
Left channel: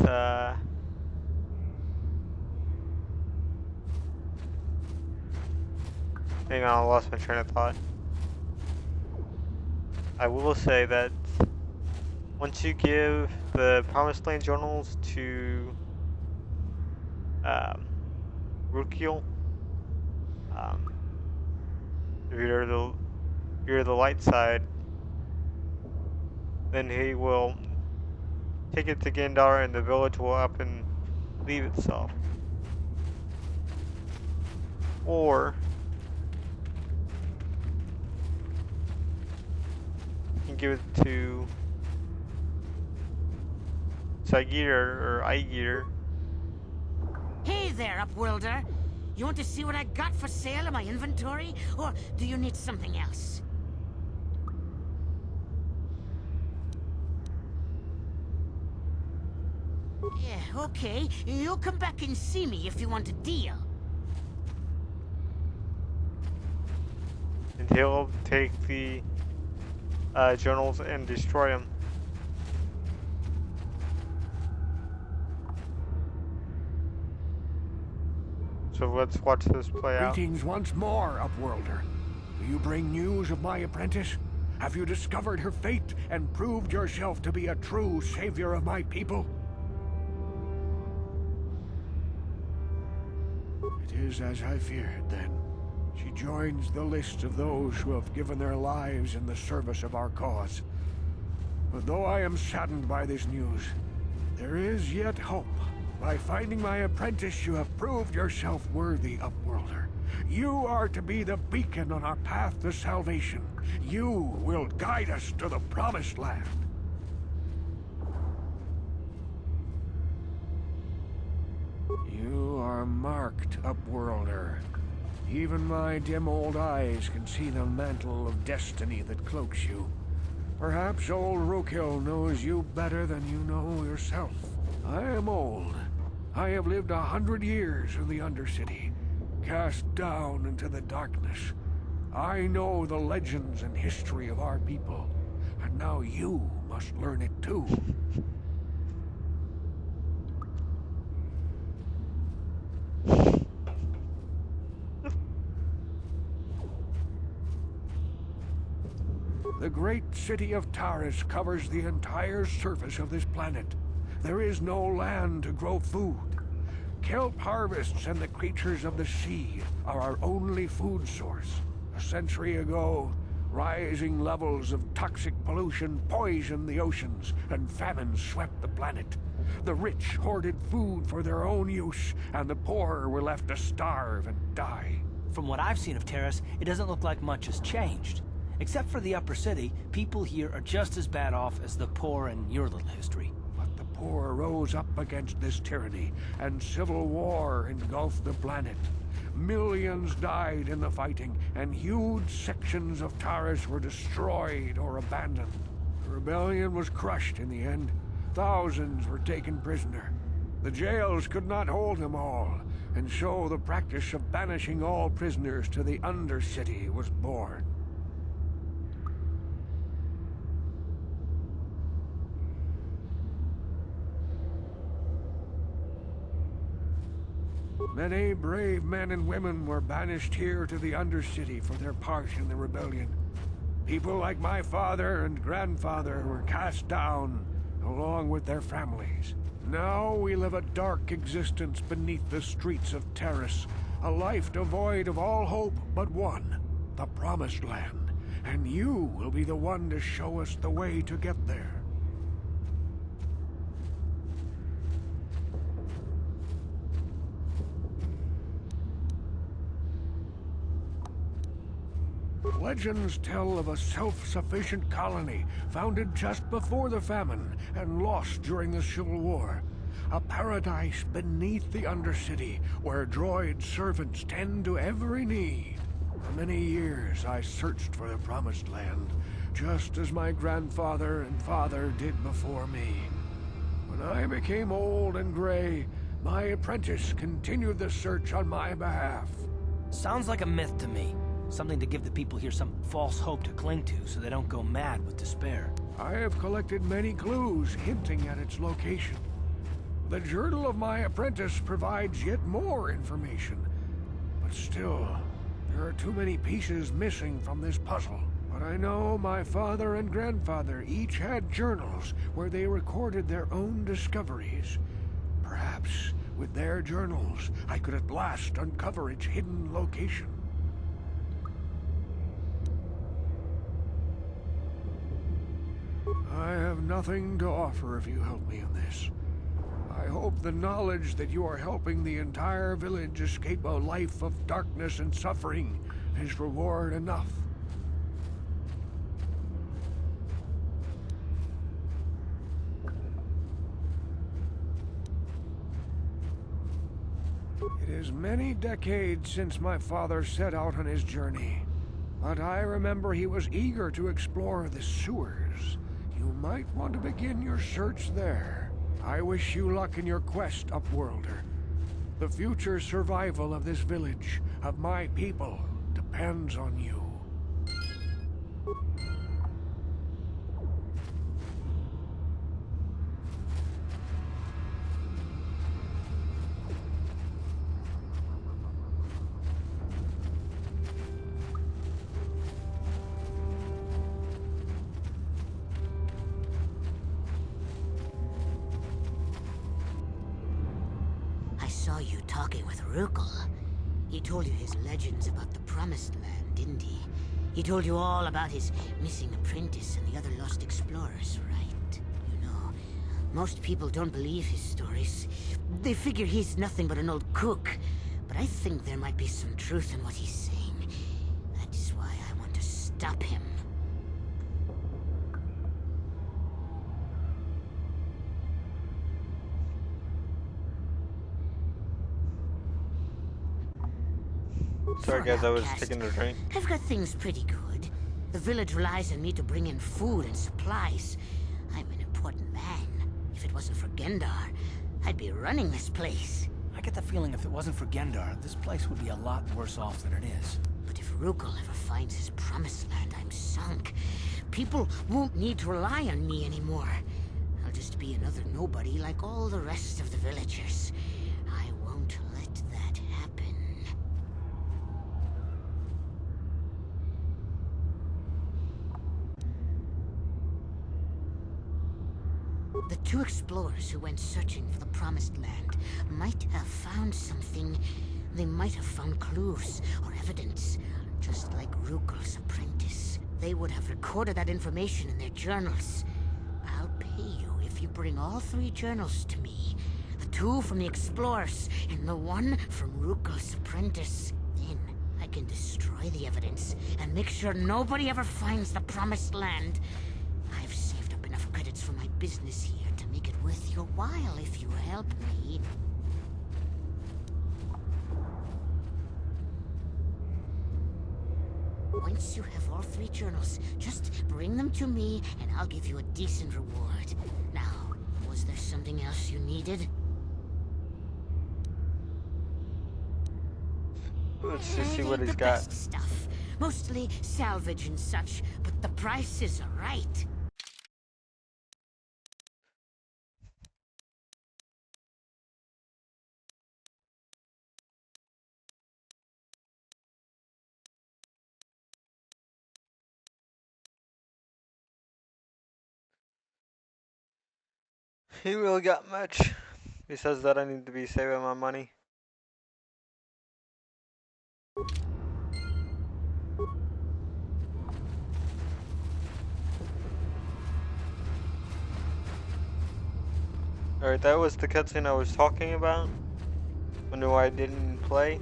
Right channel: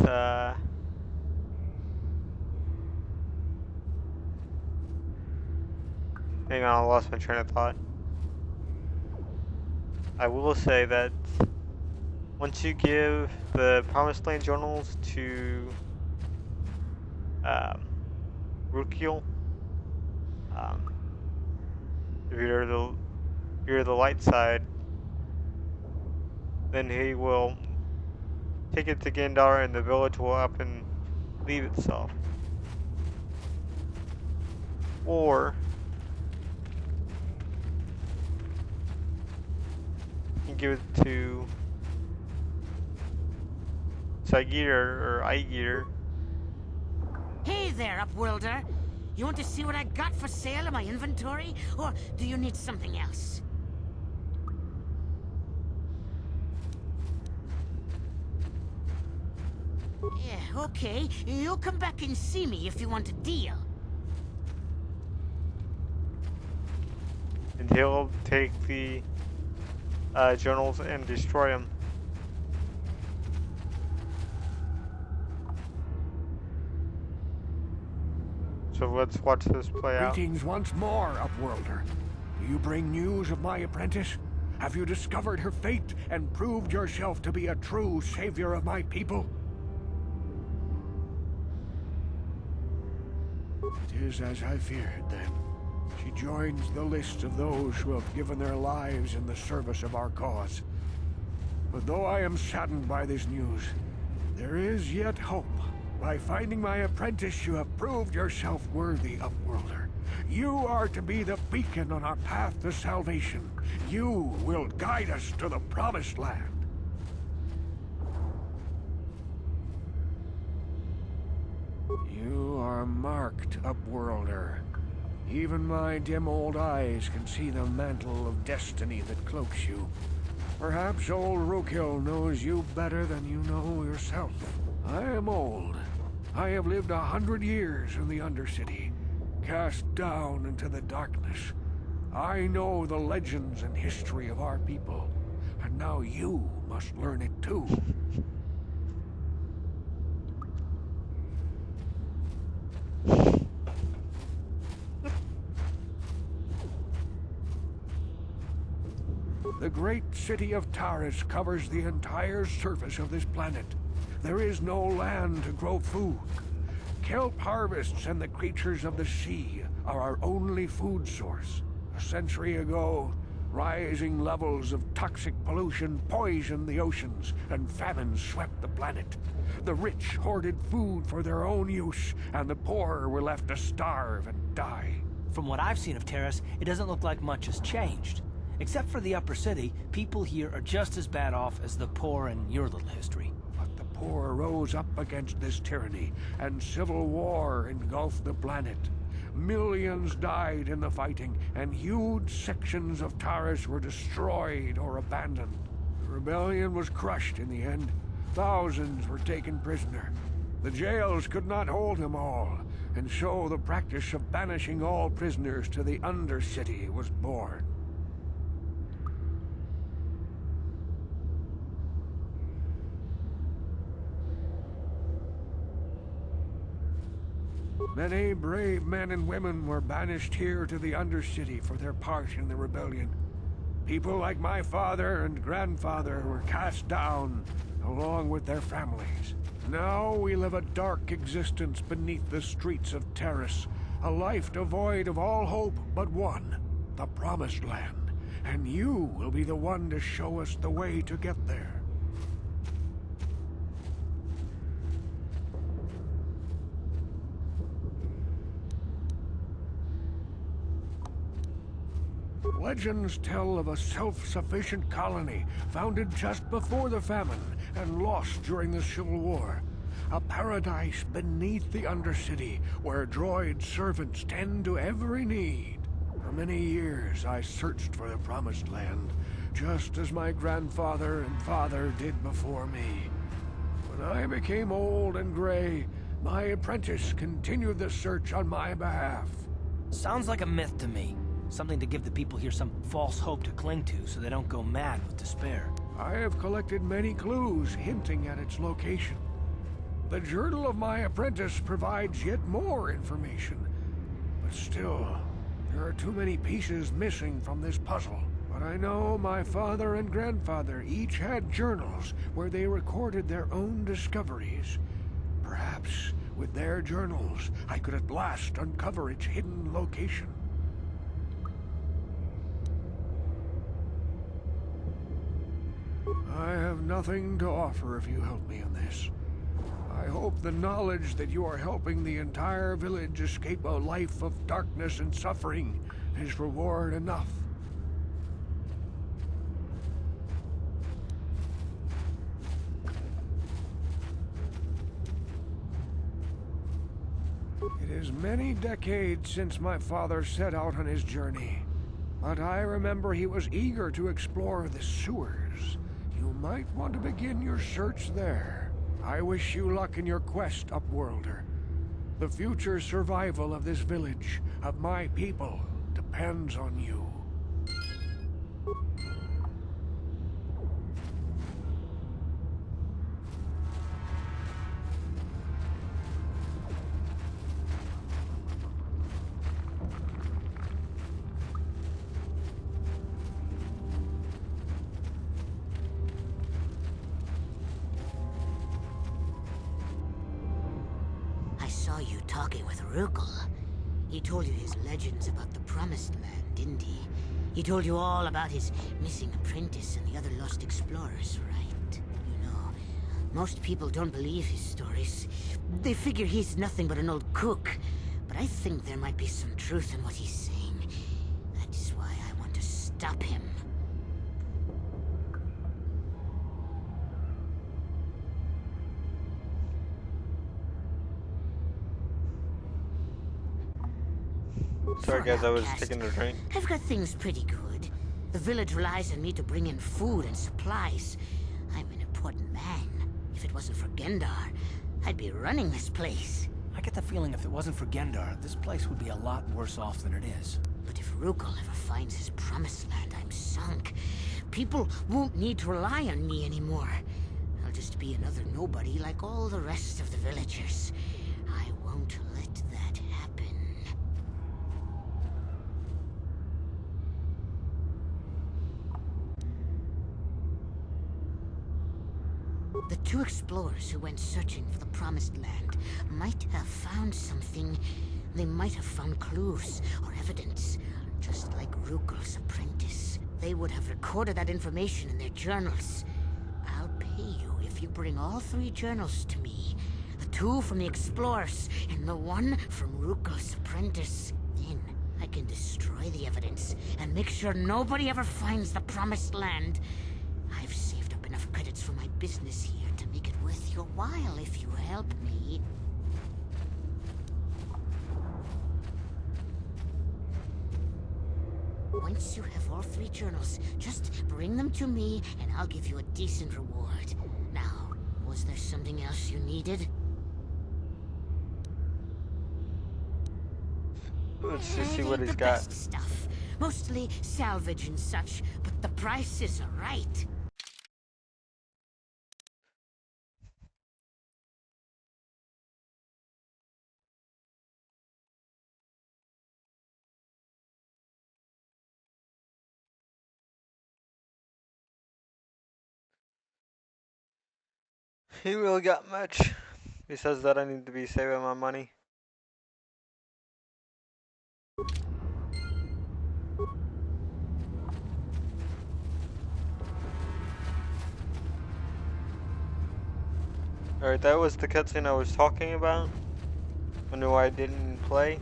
hang on, I lost my train of thought. I will say that once you give the Promised Land journals to Rakghoul, if you're the light side, then he will take it to Gendar and the village will up and leave itself. Or you can give it to Sagitter or Aigitter. Hey there, Upworlder. You want to see what I got for sale in my inventory? Or do you need something else? Yeah, okay. You'll come back and see me if you want a deal. And he'll take the journals and destroy them. So let's watch this play out. Greetings once more, Upworlder. Do you bring news of my apprentice? Have you discovered her fate and proved yourself to be a true savior of my people? It is as I feared, then. She joins the list of those who have given their lives in the service of our cause. But though I am saddened by this news, there is yet hope. By finding my apprentice, you have proved yourself worthy, Upworlder. You are to be the beacon on our path to salvation. You will guide us to the Promised Land. You are marked, Upworlder. Even my dim old eyes can see the mantle of destiny that cloaks you. Perhaps old Rakghoul knows you better than you know yourself. I am old. I have lived 100 years in the Undercity, cast down into the darkness. I know the legends and history of our people, and now you must learn it too. The great city of Taris covers the entire surface of this planet. There is no land to grow food. Kelp harvests and the creatures of the sea are our only food source. A century ago, rising levels of toxic pollution poisoned the oceans, and famine swept the planet. The rich hoarded food for their own use, and the poor were left to starve and die. From what I've seen of Terrace, it doesn't look like much has changed. Except for the upper city, people here are just as bad off as the poor in your little history. But the poor rose up against this tyranny, and civil war engulfed the planet. Millions died in the fighting, and huge sections of Taris were destroyed or abandoned. The rebellion was crushed in the end. Thousands were taken prisoner. The jails could not hold them all, and so the practice of banishing all prisoners to the Undercity was born. Many brave men and women were banished here to the Undercity for their part in the rebellion. People like my father and grandfather were cast down, along with their families. Now we live a dark existence beneath the streets of Taris, a life devoid of all hope but one, the Promised Land. And you will be the one to show us the way to get there. Legends tell of a self-sufficient colony founded just before the famine and lost during the Civil War. A paradise beneath the Undercity where droid servants tend to every need. For many years I searched for the Promised Land, just as my grandfather and father did before me. When I became old and gray, my apprentice continued the search on my behalf. Sounds like a myth to me. Something to give the people here some false hope to cling to so they don't go mad with despair. I have collected many clues hinting at its location. The journal of my apprentice provides yet more information. But still, there are too many pieces missing from this puzzle. But I know my father and grandfather each had journals where they recorded their own discoveries. Perhaps with their journals, I could at last uncover its hidden location. I have nothing to offer if you help me in this. I hope the knowledge that you are helping the entire village escape a life of darkness and suffering is reward enough. It is many decades since my father set out on his journey, but I remember he was eager to explore the sewers. You might want to begin your search there. I wish you luck in your quest, Upworlder. The future survival of this village, of my people, depends on you. I saw you talking with Rakghoul. He told you his legends about the Promised Land, didn't he? He told you all about his missing apprentice and the other lost explorers, right? You know, most people don't believe his stories. They figure he's nothing but an old cook. But I think there might be some truth in what he's saying. That's why I want to stop him. Sorry For guys, an I was outcast, taking a drink. I've got things pretty good. The village relies on me to bring in food and supplies. I'm an important man. If it wasn't for Gendar, I'd be running this place. I get the feeling if it wasn't for Gendar, this place would be a lot worse off than it is. But if Rakghoul ever finds his promised land, I'm sunk. People won't need to rely on me anymore. I'll just be another nobody like all the rest of the villagers. I won't let that happen. The two explorers who went searching for the Promised Land might have found something. They might have found clues or evidence, just like Rakghoul's apprentice. They would have recorded that information in their journals. I'll pay you if you bring all 3 journals to me. The 2 from the explorers and the 1 from Rakghoul's apprentice. Then I can destroy the evidence and make sure nobody ever finds the Promised Land. I've saved up enough credits for my business here to make it worth your while if you help me. Once you have all 3 journals, just bring them to me and I'll give you a decent reward. Now, was there something else you needed? Let's just see what The he's got. best stuff. Mostly salvage and such, but the prices are right. He really got much. He says that I need to be saving my money. Alright, that was the cutscene I was talking about. I knew I didn't play.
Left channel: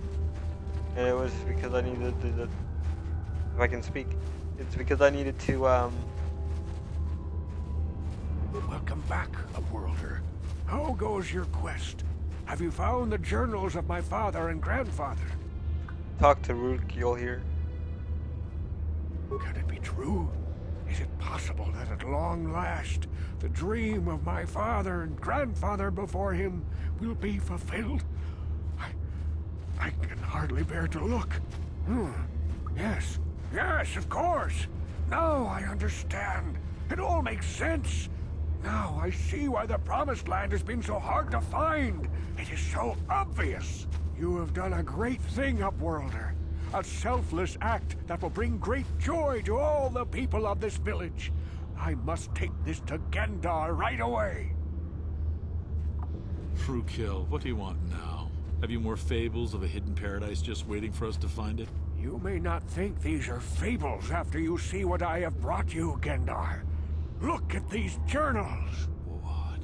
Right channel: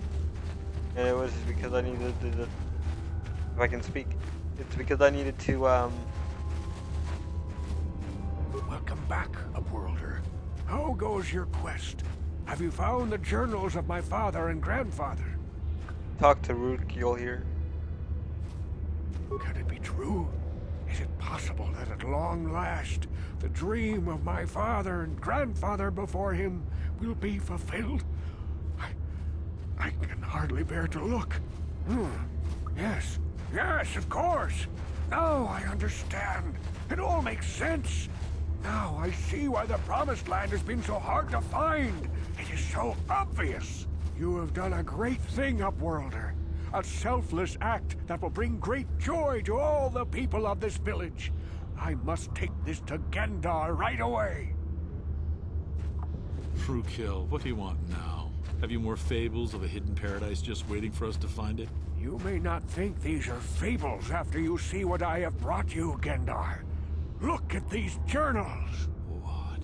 And it was because I needed to, if I can speak, it's because I needed to, Welcome back, Upworlder. How goes your quest? Have you found the journals of my father and grandfather? talk to Rakghoul here. Can it be true? Is it possible that at long last, the dream of my father and grandfather before him will be fulfilled? I can hardly bear to look. Yes, of course. Now I understand. It all makes sense. Now I see why the Promised Land has been so hard to find. It is so obvious. You have done a great thing, Upworlder. A selfless act that will bring great joy to all the people of this village. I must take this to Gendar right away. Rakghoul, what do you want now? Have you more fables of a hidden paradise just waiting for us to find it? You may not think these are fables after you see what I have brought you, Gendar. Look at these journals. What?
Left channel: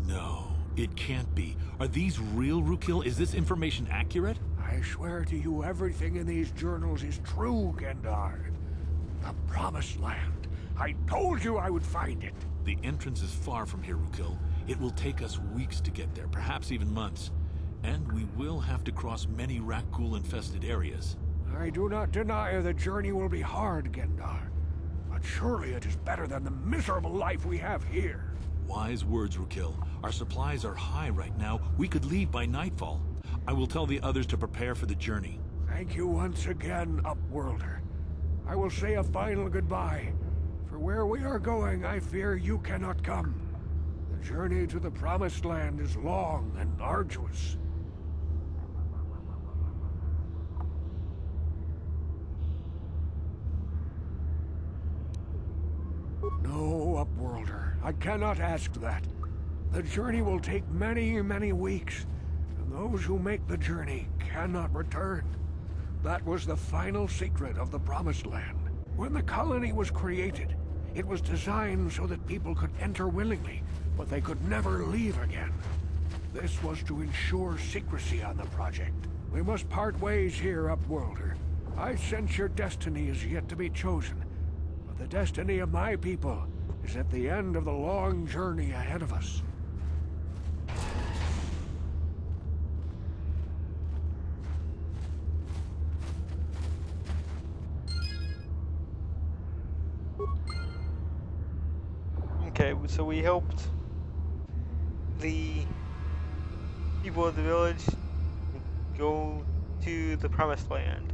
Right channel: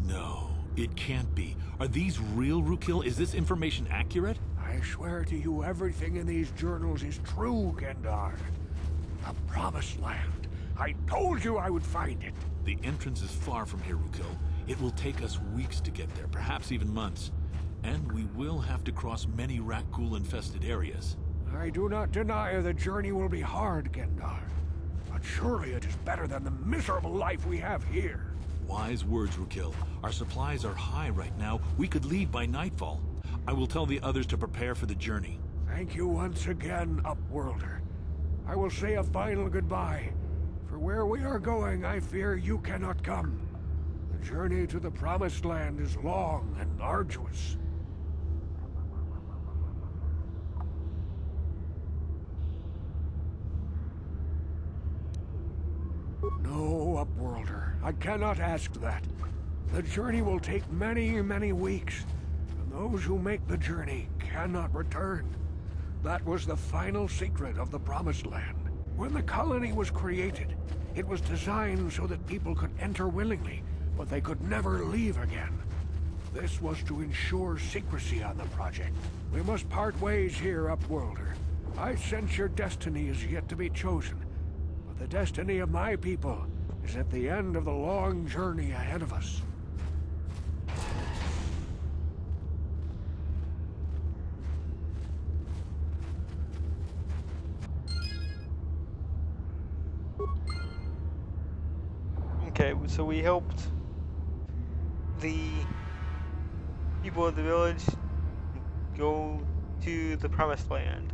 No, it can't be. Are these real, Rakghoul? Is this information accurate? I swear to you everything in these journals is true, Gendar. The Promised Land. I told you I would find it. The entrance is far from here, Rakghoul. It will take us weeks to get there, perhaps even months. And we will have to cross many Rakghoul-infested areas. I do not deny the journey will be hard, Gendar. But surely it is better than the miserable life we have here. Wise words, Rakghoul. Our supplies are high right now. We could leave by nightfall. I will tell the others to prepare for the journey. Thank you once again, Upworlder. I will say a final goodbye. For where we are going, I fear you cannot come. The journey to the Promised Land is long and arduous. No, Upworlder. I cannot ask that. The journey will take many, many weeks, and those who make the journey cannot return. That was the final secret of the Promised Land. When the colony was created, it was designed so that people could enter willingly, but they could never leave again. This was to ensure secrecy on the project. We must part ways here, Upworlder. I sense your destiny is yet to be chosen, but the destiny of my people is at the end of the long journey ahead of us. Okay, so we helped the people of the village go to the promised land.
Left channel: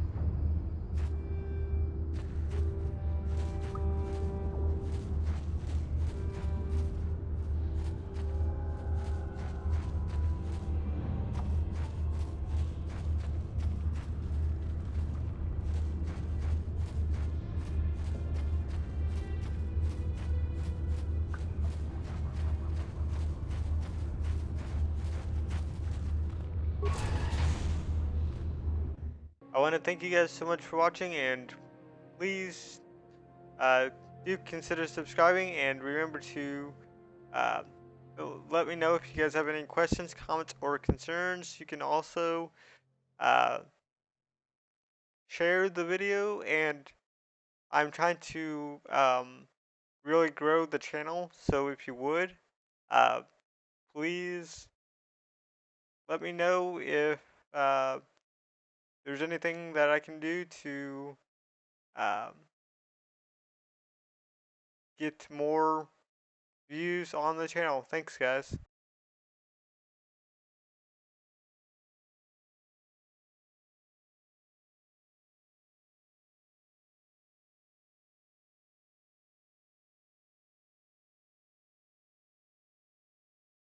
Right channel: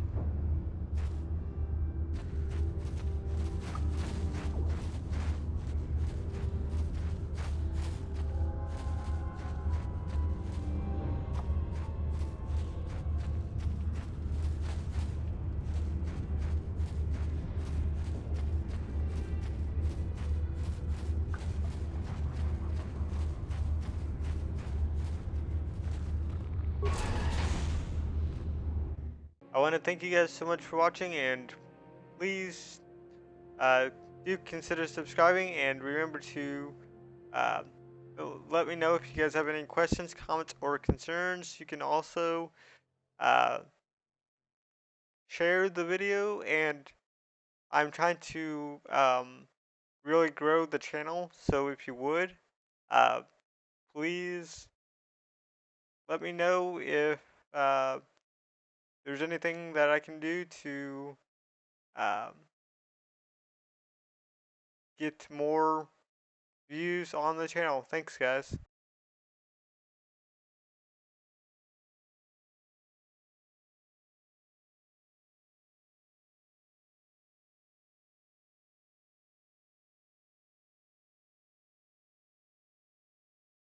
I want to thank you guys so much for watching, and please do consider subscribing, and remember to uh, let me know if you guys have any questions, comments, or concerns. You can also uh, share the video, and I'm trying to really grow the channel, so if you would, uh, please let me know if uh, there's anything that I can do to um, get more views on the channel. Thanks, guys.